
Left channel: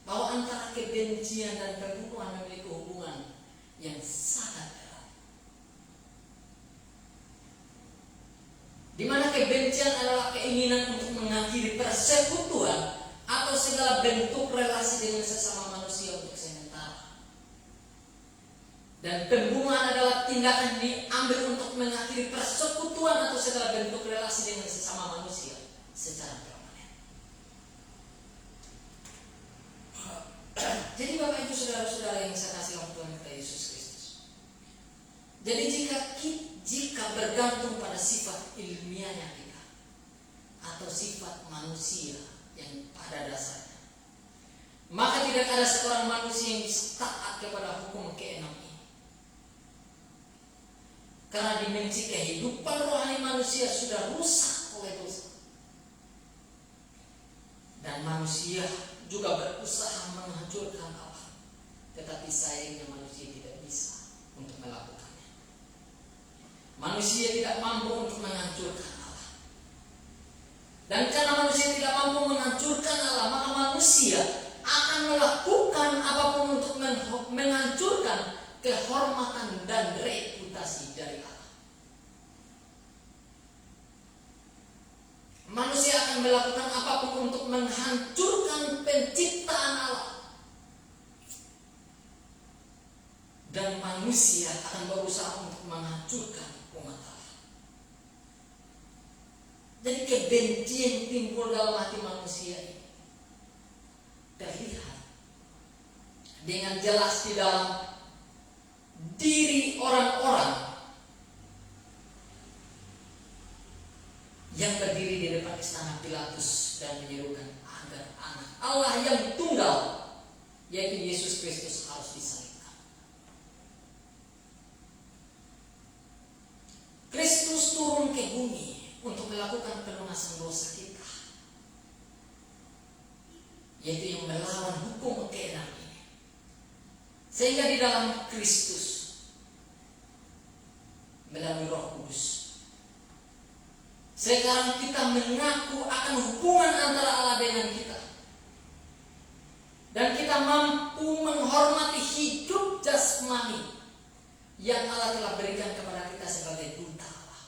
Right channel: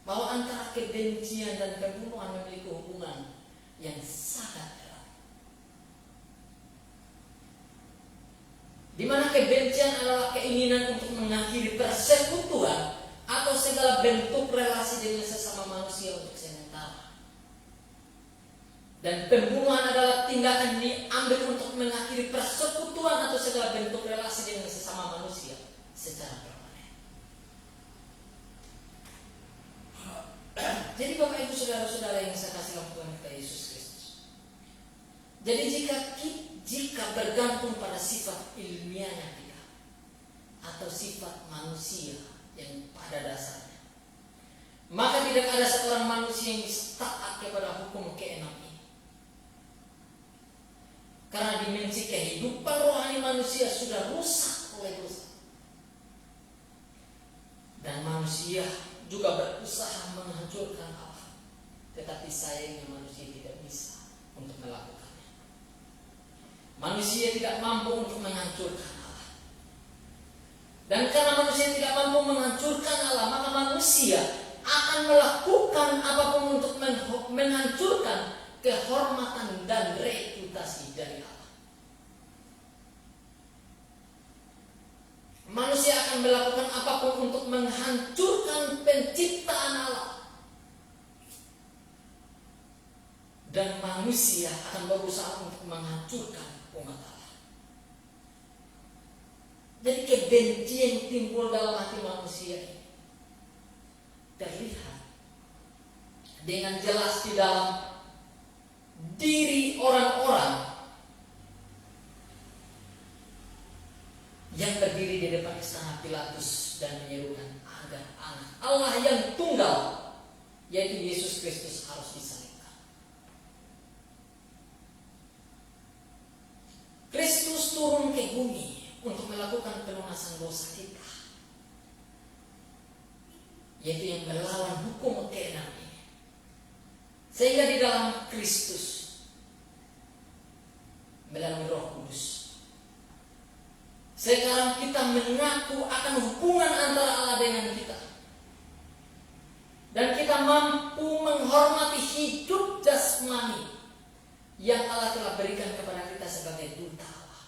bahwa antara kebencian dan pembunuhan memiliki hubungan yang sangat erat. Di mana kebencian adalah keinginan untuk mengakhiri persekutuan atau segala bentuk relasi dengan sesama manusia untuk sementara. Dan pembunuhan adalah tindakan diambil untuk mengakhiri persekutuan atau segala bentuk relasi dengan sesama manusia secara permanen. Jadi Bapak Ibu saudara-saudara yang saya kasih dalam Tuhan kita Yesus Kristus. Jadi jika bergantung pada sifat ilmiahnya kita atau sifat manusia yang pada dasarnya, maka tidak ada seorang manusia yang bisa taat kepada hukum keenam ini. Karena dimensi kehidupan rohani manusia sudah rusak oleh dosa. Dan manusia juga berusaha menghancurkan Allah, tetapi sayangnya manusia tidak bisa untuk melakukannya. Manusia tidak mampu untuk menghancurkan Allah. Dan karena manusia tidak mampu menghancurkan Allah, maka manusia akan melakukan apapun untuk menghancurkan kehormatan dan reputasi dari Allah. Manusia akan melakukan apapun untuk menghancurkan penciptaan Allah. Dan manusia akan berusaha untuk menghancurkan umat Allah. Jadi kebencian yang timbul dalam hati manusia ini terlihat dengan jelas di dalam diri orang-orang yang berdiri di depan istana Pilatus dan menyerukan agar anak Allah yang tunggal, yaitu Yesus Kristus, harus disalibkan. Kristus turun ke bumi untuk melakukan pelunasan dosa kita, yaitu yang melawan hukum keenam ini. Sehingga di dalam Kristus melalui Roh Kudus sekarang kita mengaku akan hubungan antara Allah dengan kita. Dan kita mampu menghormati hidup jasmani yang Allah telah berikan kepada kita sebagai duta Allah.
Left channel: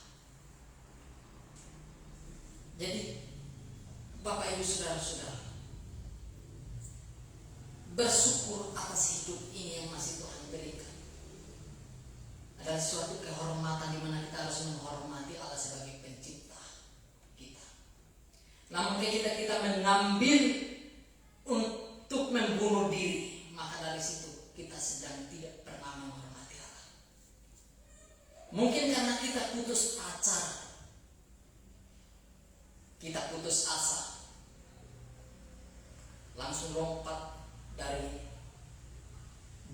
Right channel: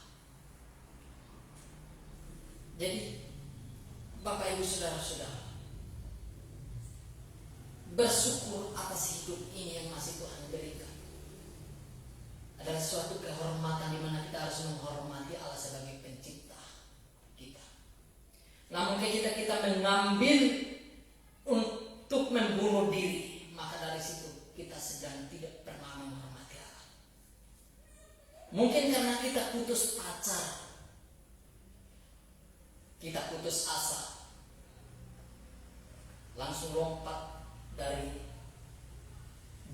Jadi Bapak Ibu saudara-saudara, bersyukur atas hidup ini yang masih Tuhan berikan. Adalah suatu kehormatan di mana kita harus menghormati Allah sebagai pencipta. Namun ketika kita mengambil untuk membunuh diri, maka dari situ kita sedang tidak pernah menghormati Allah. Mungkin karena kita putus pacar, kita putus asa, langsung lompat dari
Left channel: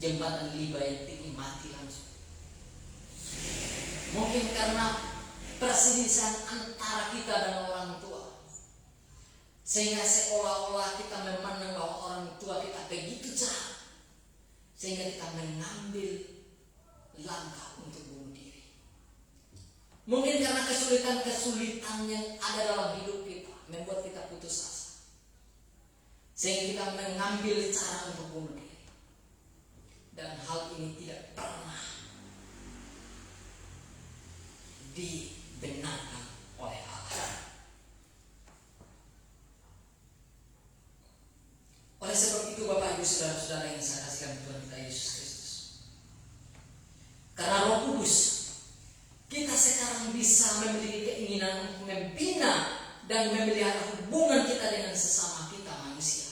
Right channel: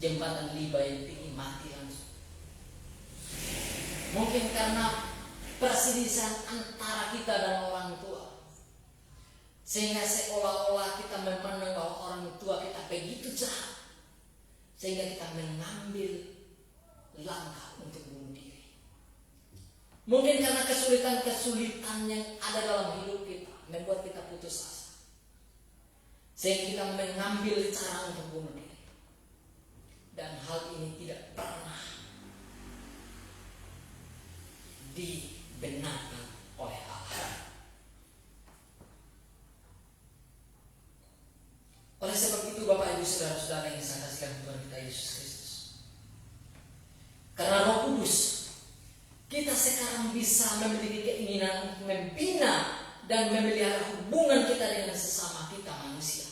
jembatan liba yang tinggi, mati langsung. Mungkin karena perselisihan antara kita dan orang tua, sehingga seolah-olah kita memandang bahwa orang tua kita begitu jahat, sehingga kita mengambil langkah untuk bunuh diri. Mungkin karena kesulitan-kesulitan yang ada dalam hidup kita membuat kita putus asa, sehingga kita mengambil cara untuk bunuh diri. Dan hal ini tidak pernah dibenarkan oleh Allah. Oleh sebab itu Bapak Ibu Saudara-saudara yang saya kasihkan Tuhan kita Yesus Kristus, karena Roh Kudus, kita sekarang bisa memiliki keinginan untuk membina dan memelihara hubungan kita dengan sesama kita manusia,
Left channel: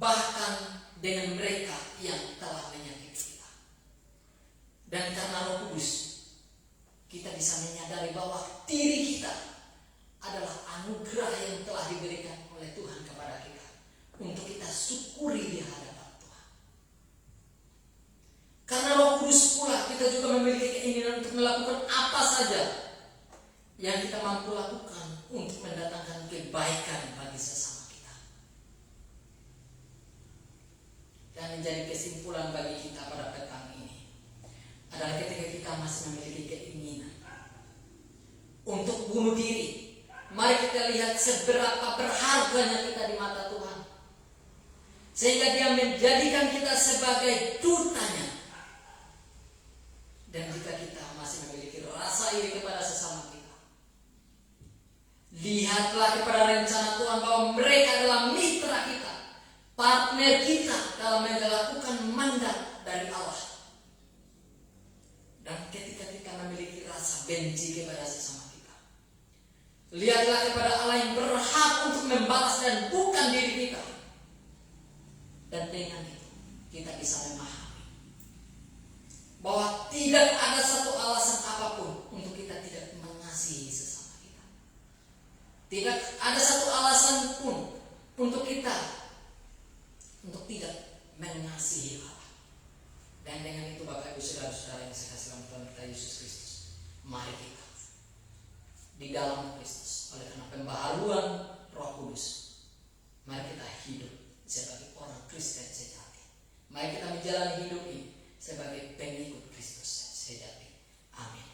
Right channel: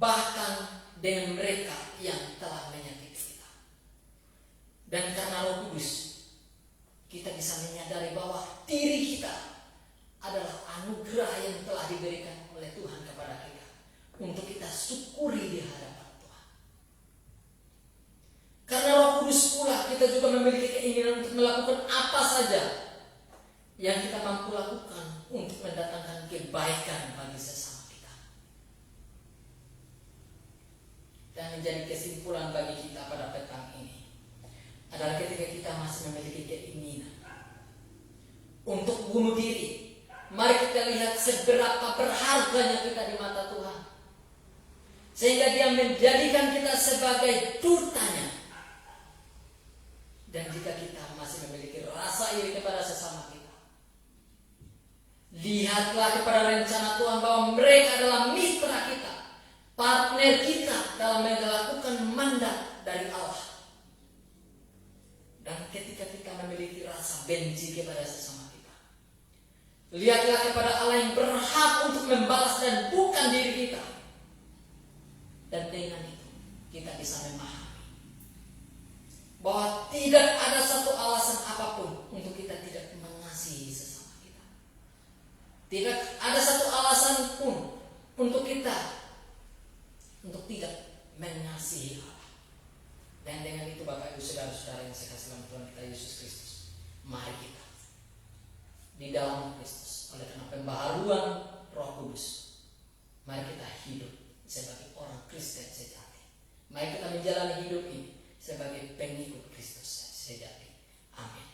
bahkan dengan mereka yang telah menyakiti kita. Dan karena Roh Kudus, kita bisa menyadari bahwa diri kita adalah anugerah yang telah diberikan oleh Tuhan kepada kita, untuk kita syukuri di hadapan Tuhan. Karena Roh Kudus pula, kita juga memiliki keinginan untuk melakukan apa saja yang kita mampu lakukan untuk mendatangkan kebaikan bagi sesama kita. Dan menjadi kesimpulan bagi kita pada petang ini adalah ketika kita masih memiliki keinginan untuk bunuh diri, mari kita lihat seberapa berharganya kita di mata Tuhan, sehingga Dia menjadikan kita sebagai dutanya. Dan jika kita masih memiliki rasa iri kepada sesama kita, lihatlah kepada rencana Tuhan bahwa mereka adalah mitra kita, partner kita dalam melakukan mandat dari Allah. Dan ketika kita memiliki rasa benci kepada sesama kita, lihatlah kepada Allah yang berhak untuk membalas dan bukan diri kita. Dan dengan itu kita bisa memahami bahwa tidak ada satu alasan apapun untuk kita tidak mengasihi sesama kita. Tidak ada satu alasan pun untuk kita untuk tidak mengasihi Allah. Dan dengan itu Bapak Ibu Saudara-saudara yang saya kasihkan Tuhan kita Yesus Kristus, mari kita di dalam Kristus oleh karena pembaharuan Roh Kudus, mari kita hidup sebagai orang Kristen sejati. Mari kita menjalani hidup ini sebagai pengikut Kristus sejati. Amin.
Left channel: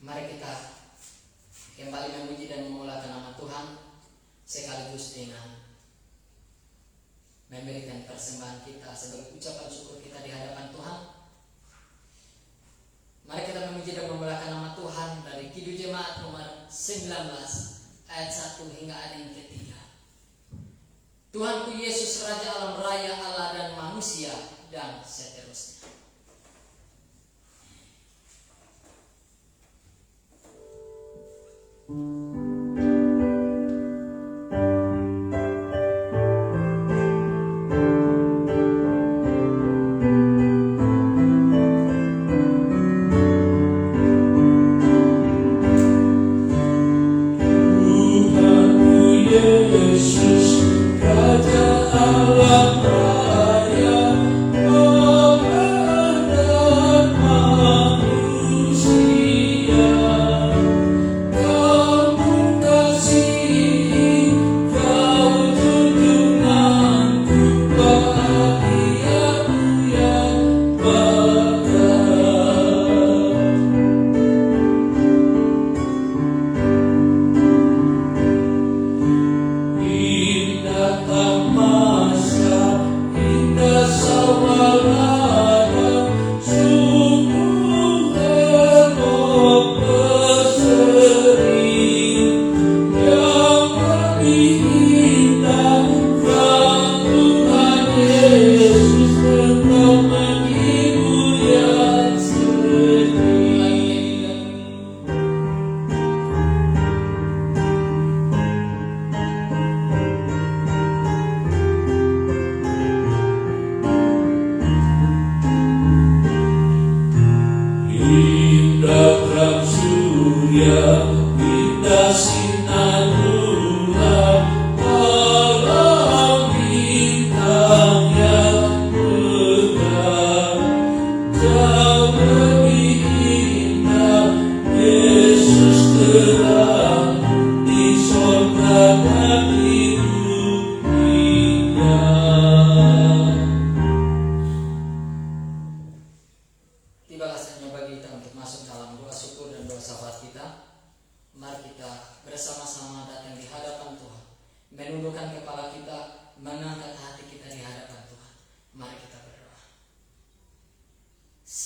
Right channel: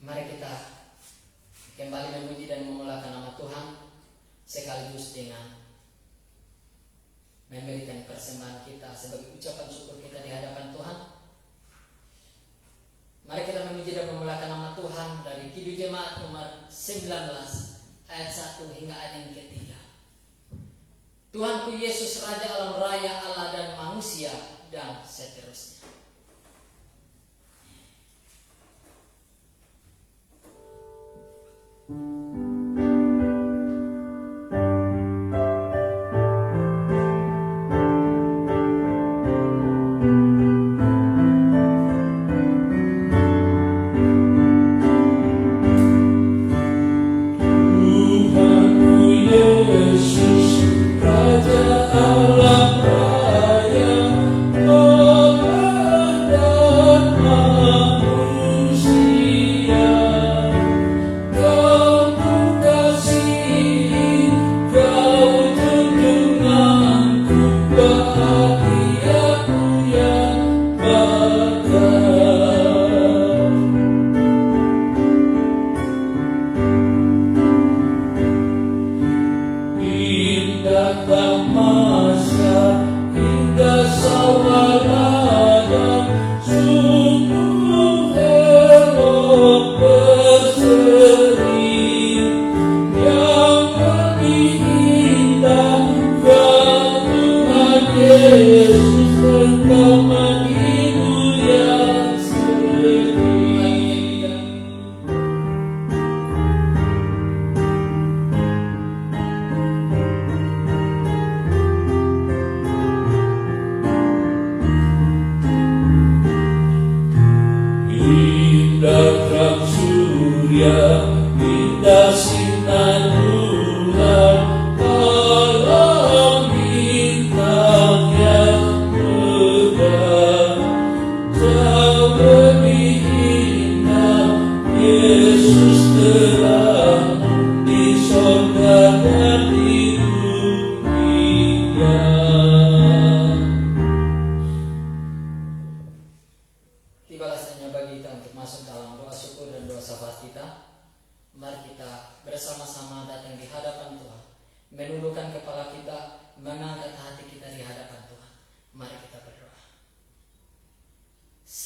Mari kita kembali memuji dan memuliakan nama Tuhan, sekaligus dengan memberikan persembahan kita sebagai ucapan syukur kita di hadapan Tuhan. Mari kita memuji dan memuliakan nama Tuhan dari Kidung Jemaat nomor 19 ayat 1 hingga ayat yang ketiga. Tuhanku Yesus, Raja alam raya, Allah dan manusia, dan seterusnya. Oh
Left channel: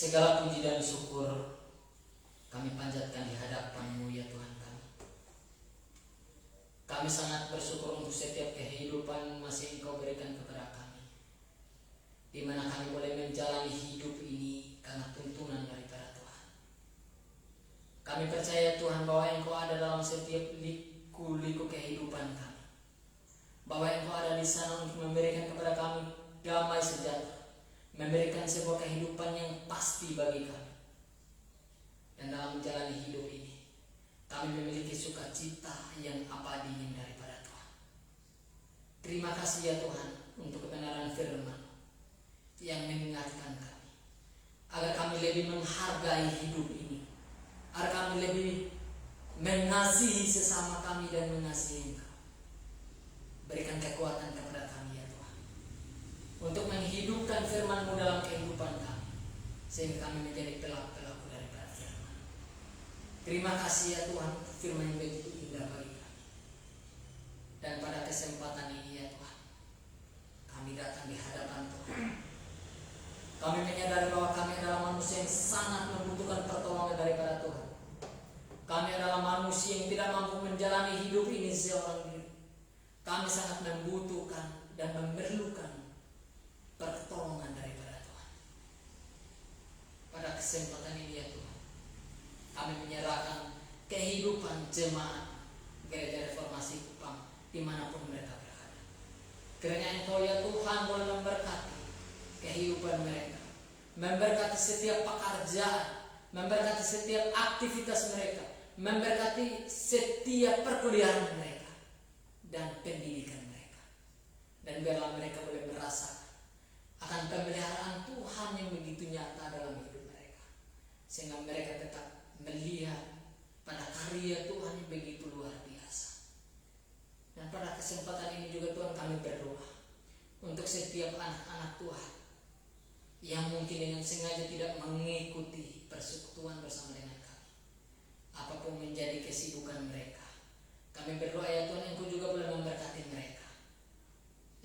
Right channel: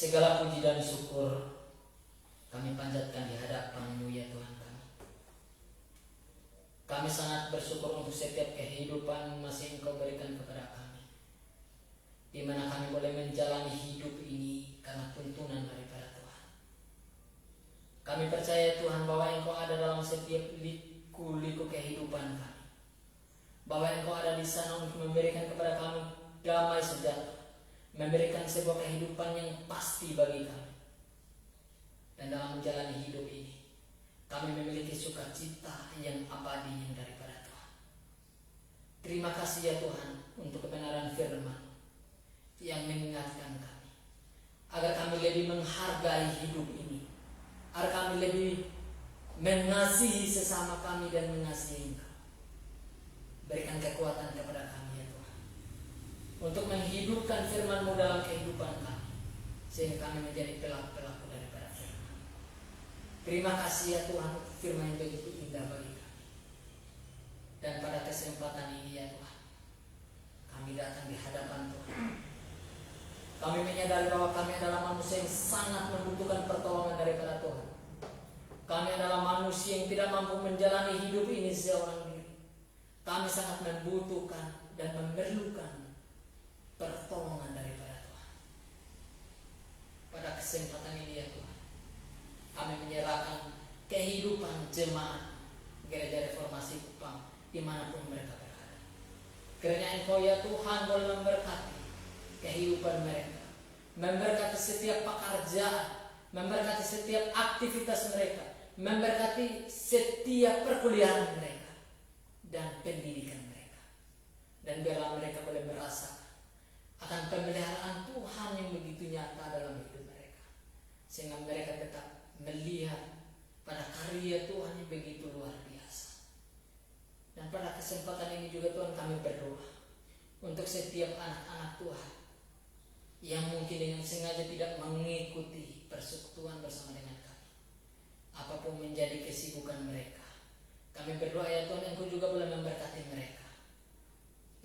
Segala puji dan syukur kami panjatkan di hadapan-Mu ya Tuhan kami. Kami sangat bersyukur untuk setiap kehidupan masih Engkau berikan kepada kami, di mana kami boleh menjalani hidup ini karena tuntunan daripada Tuhan. Kami percaya Tuhan bahwa Engkau ada dalam setiap liku-liku kehidupan kami, bahwa Engkau ada di sana untuk memberikan kepada kami damai sejahtera, memberikan sebuah kehidupan yang pasti bagi kami. Dan dalam menjalani hidup ini, kami memiliki sukacita yang abadi yang daripada Tuhan. Terima kasih ya Tuhan untuk kebenaran firman yang mengingatkan kami, agar kami lebih menghargai hidup ini, agar kami lebih mengasihi sesama kami dan mengasihi Engkau. Berikan kekuatan kepada kami ya Tuhan, untuk menghidupkan firman-Mu dalam kehidupan kami, sehingga kami menjadi pelaku-pelaku daripada firman. Terima kasih ya Tuhan, firman yang begitu indah bagi kami. Dan pada kesempatan ini ya Tuhan, kami datang di hadapan Tuhan. Kami menyadari bahwa kami adalah manusia yang sangat membutuhkan pertolongan daripada Tuhan. Kami adalah manusia yang tidak mampu menjalani hidup ini seorang diri. Kami sangat membutuhkan dan memerlukan pertolongan daripada Tuhan. Pada kesempatan ini ya Tuhan, kami menyerahkan kehidupan jemaat Gereja Reformasi Kupang dimanapun mereka berada. Kiranya Engkau ya Tuhan boleh memberkati kehidupan mereka, memberkati setiap pekerjaan, memberkati setiap aktivitas mereka, memberkati setiap perkuliahan mereka dan pendidikan mereka. Dan biarlah mereka boleh merasakan akan pemeliharaan Tuhan yang begitu nyata dalam hidup mereka, sehingga mereka tetap melihat pada karya Tuhan yang begitu luar biasa. Dan pada kesempatan ini juga Tuhan, kami berdoa untuk setiap anak-anak Tuhan yang mungkin dengan sengaja tidak mengikuti persekutuan bersama dengan kami, apapun menjadi kesibukan mereka. Kami berdoa ya Tuhan, Engkau juga boleh memberkati mereka.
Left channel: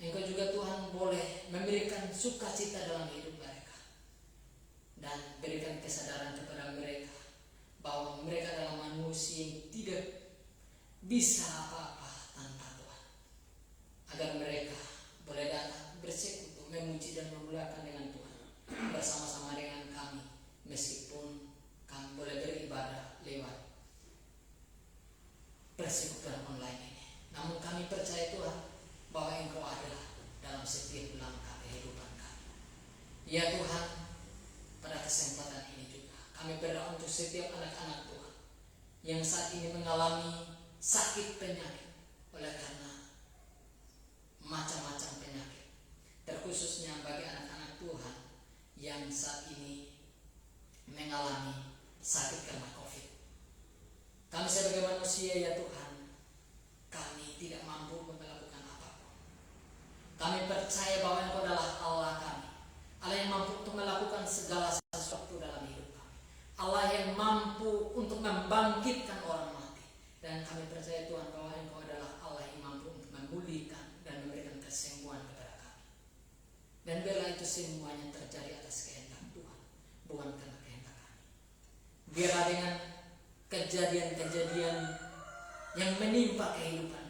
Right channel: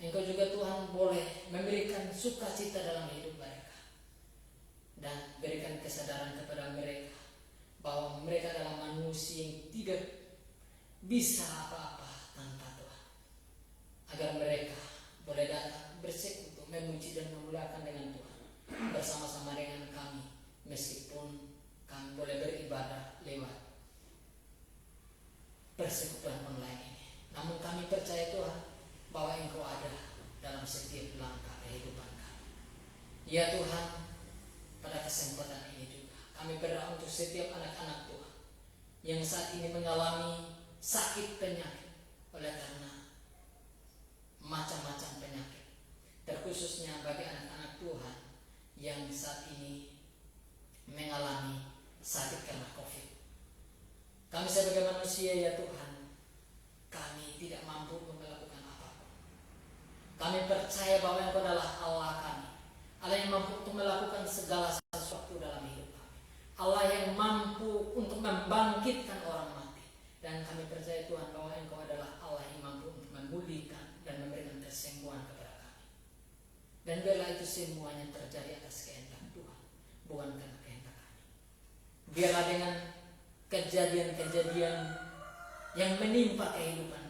Engkau juga Tuhan boleh memberikan sukacita dalam hidup mereka, dan berikan kesadaran kepada mereka bahwa mereka adalah manusia yang tidak bisa apa-apa tanpa Tuhan, agar mereka boleh datang bersekutu, memuji dan memuliakan dengan Tuhan bersama-sama dengan kami, meskipun kami boleh beribadah lewat persekutuan online ini. Namun kami percaya Tuhan bahwa Engkau ada dalam setiap langkah kehidupan kami. Ya Tuhan, pada kesempatan ini juga kami berdoa untuk setiap anak-anak Tuhan yang saat ini mengalami sakit penyakit oleh karena macam-macam penyakit, terkhususnya bagi anak-anak Tuhan yang saat ini mengalami sakit karena COVID. Kami sebagai manusia ya Tuhan, kami tidak mampu melakukan apapun. Kami percaya bahwa Engkau adalah Allah kami, Allah yang mampu untuk melakukan segala sesuatu dalam hidup kami, Allah yang mampu untuk membangkitkan orang mati. Dan kami percaya Tuhan bahwa Engkau adalah Allah yang mampu untuk memulihkan dan memberikan kesembuhan kepada kami. Dan biarlah itu semuanya terjadi atas kehendak Tuhan, bukan karena kehendak kami. Biarlah dengan kejadian-kejadian yang menimpa kehidupan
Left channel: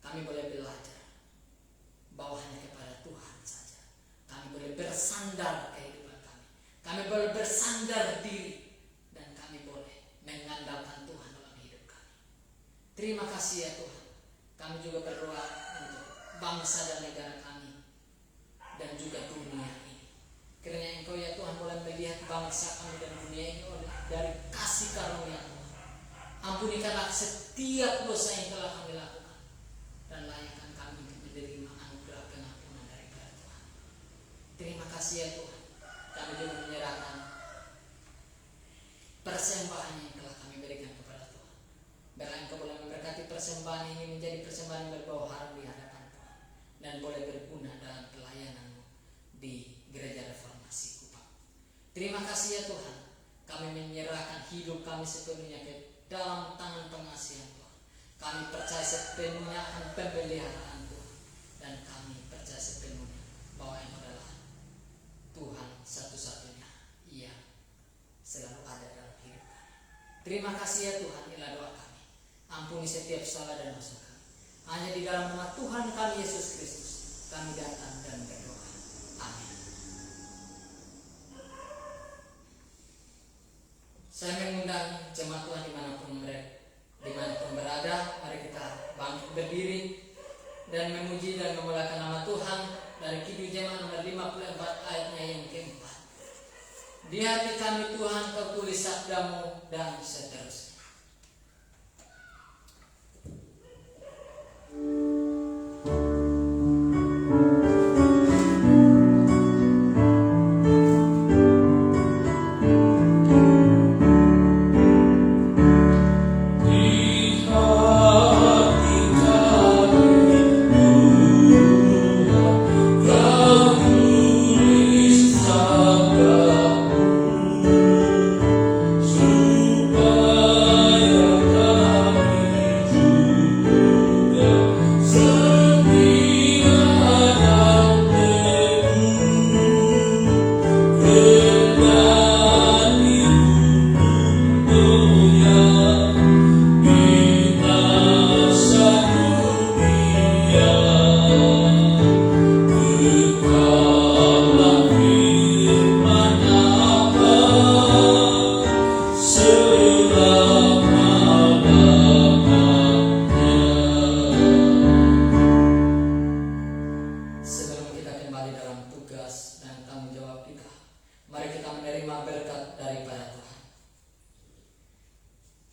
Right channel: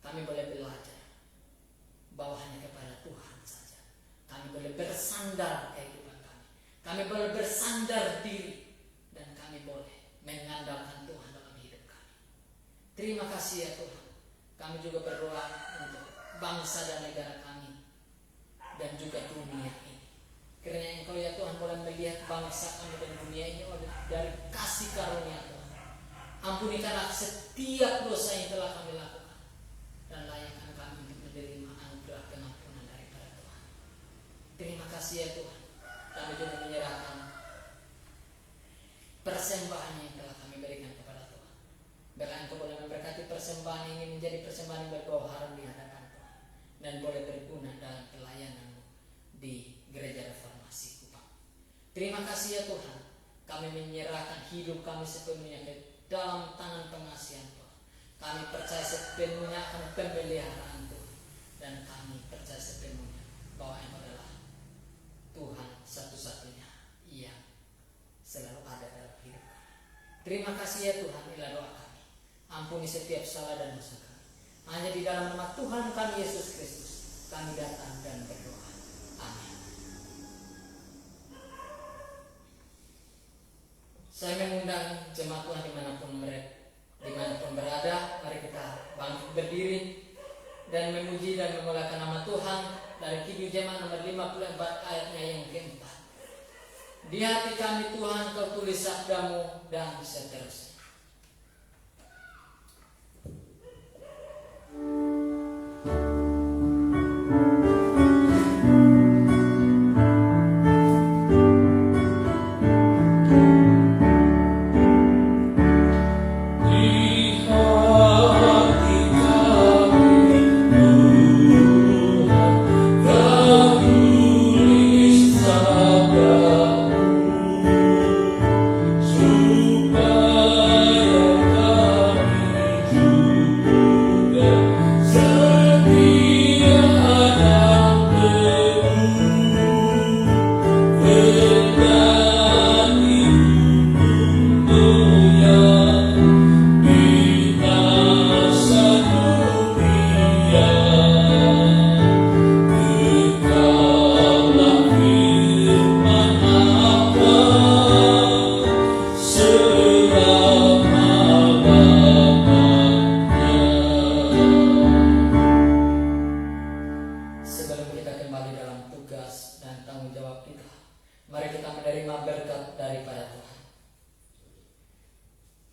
kami boleh belajar bahwa hanya kepada Tuhan saja kami boleh bersandar kehidupan kami. Kami boleh bersandar diri, dan kami boleh mengandalkan Tuhan dalam hidup kami. Terima kasih ya Tuhan. Kami juga berdoa untuk bangsa dan negara kami dan juga dunia ini. Kiranya Engkau ya Tuhan boleh melihat bangsa kami dan dunia ini dari kasih karunia Tuhan. Ampunikanlah setiap dosa yang telah kami lakukan, dan layakkan kami untuk menerima anugerah pengampunan daripada Tuhan. Terima kasih ya Tuhan. Kami juga menyerahkan persembahan yang telah kami berikan kepada Tuhan. Biarlah Engkau boleh memberkati persembahan ini menjadi persembahan yang berbau harum di hadapan Tuhan, dan boleh berguna dalam pelayanan di Gereja Reformasi Kupang. Terima kasih ya Tuhan. Kami menyerahkan hidup kami sepenuhnya ke dalam tangan pengasihan Tuhan. Kami percaya sepenuhnya akan pemeliharaan Tuhan, dan kami percaya sepenuhnya bahwa Engkau adalah Tuhan satu-satunya Terima kasih ya Tuhan, inilah doa kami. Ampuni setiap salah dan dosa kami. Hanya di dalam nama Tuhan kami Yesus Kristus kami datang dan berdoa. Amin. Saya mengundang jemaat Tuhan dimanapun berada, mari kita bangkit berdiri dan memuji dan memuliakan nama Tuhan dari Kidung Jemaat nomor 54 ayatnya yang keempat. Di hati kami Tuhan Kau tulis sabdamu dan seterusnya.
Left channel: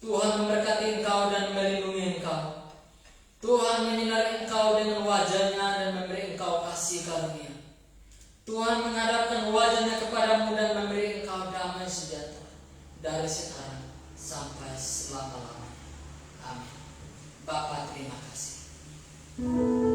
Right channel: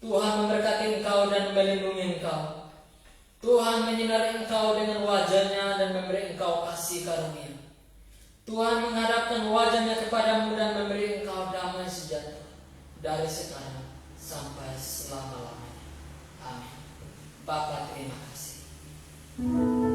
Tuhan memberkati engkau dan melindungi engkau. Tuhan menyinari engkau dengan wajah-Nya dan memberi engkau kasih karunia. Tuhan menghadapkan wajah-Nya kepadamu dan memberi engkau damai sejahtera dari sekarang sampai selama-lamanya. Amin. Bapa, terima kasih.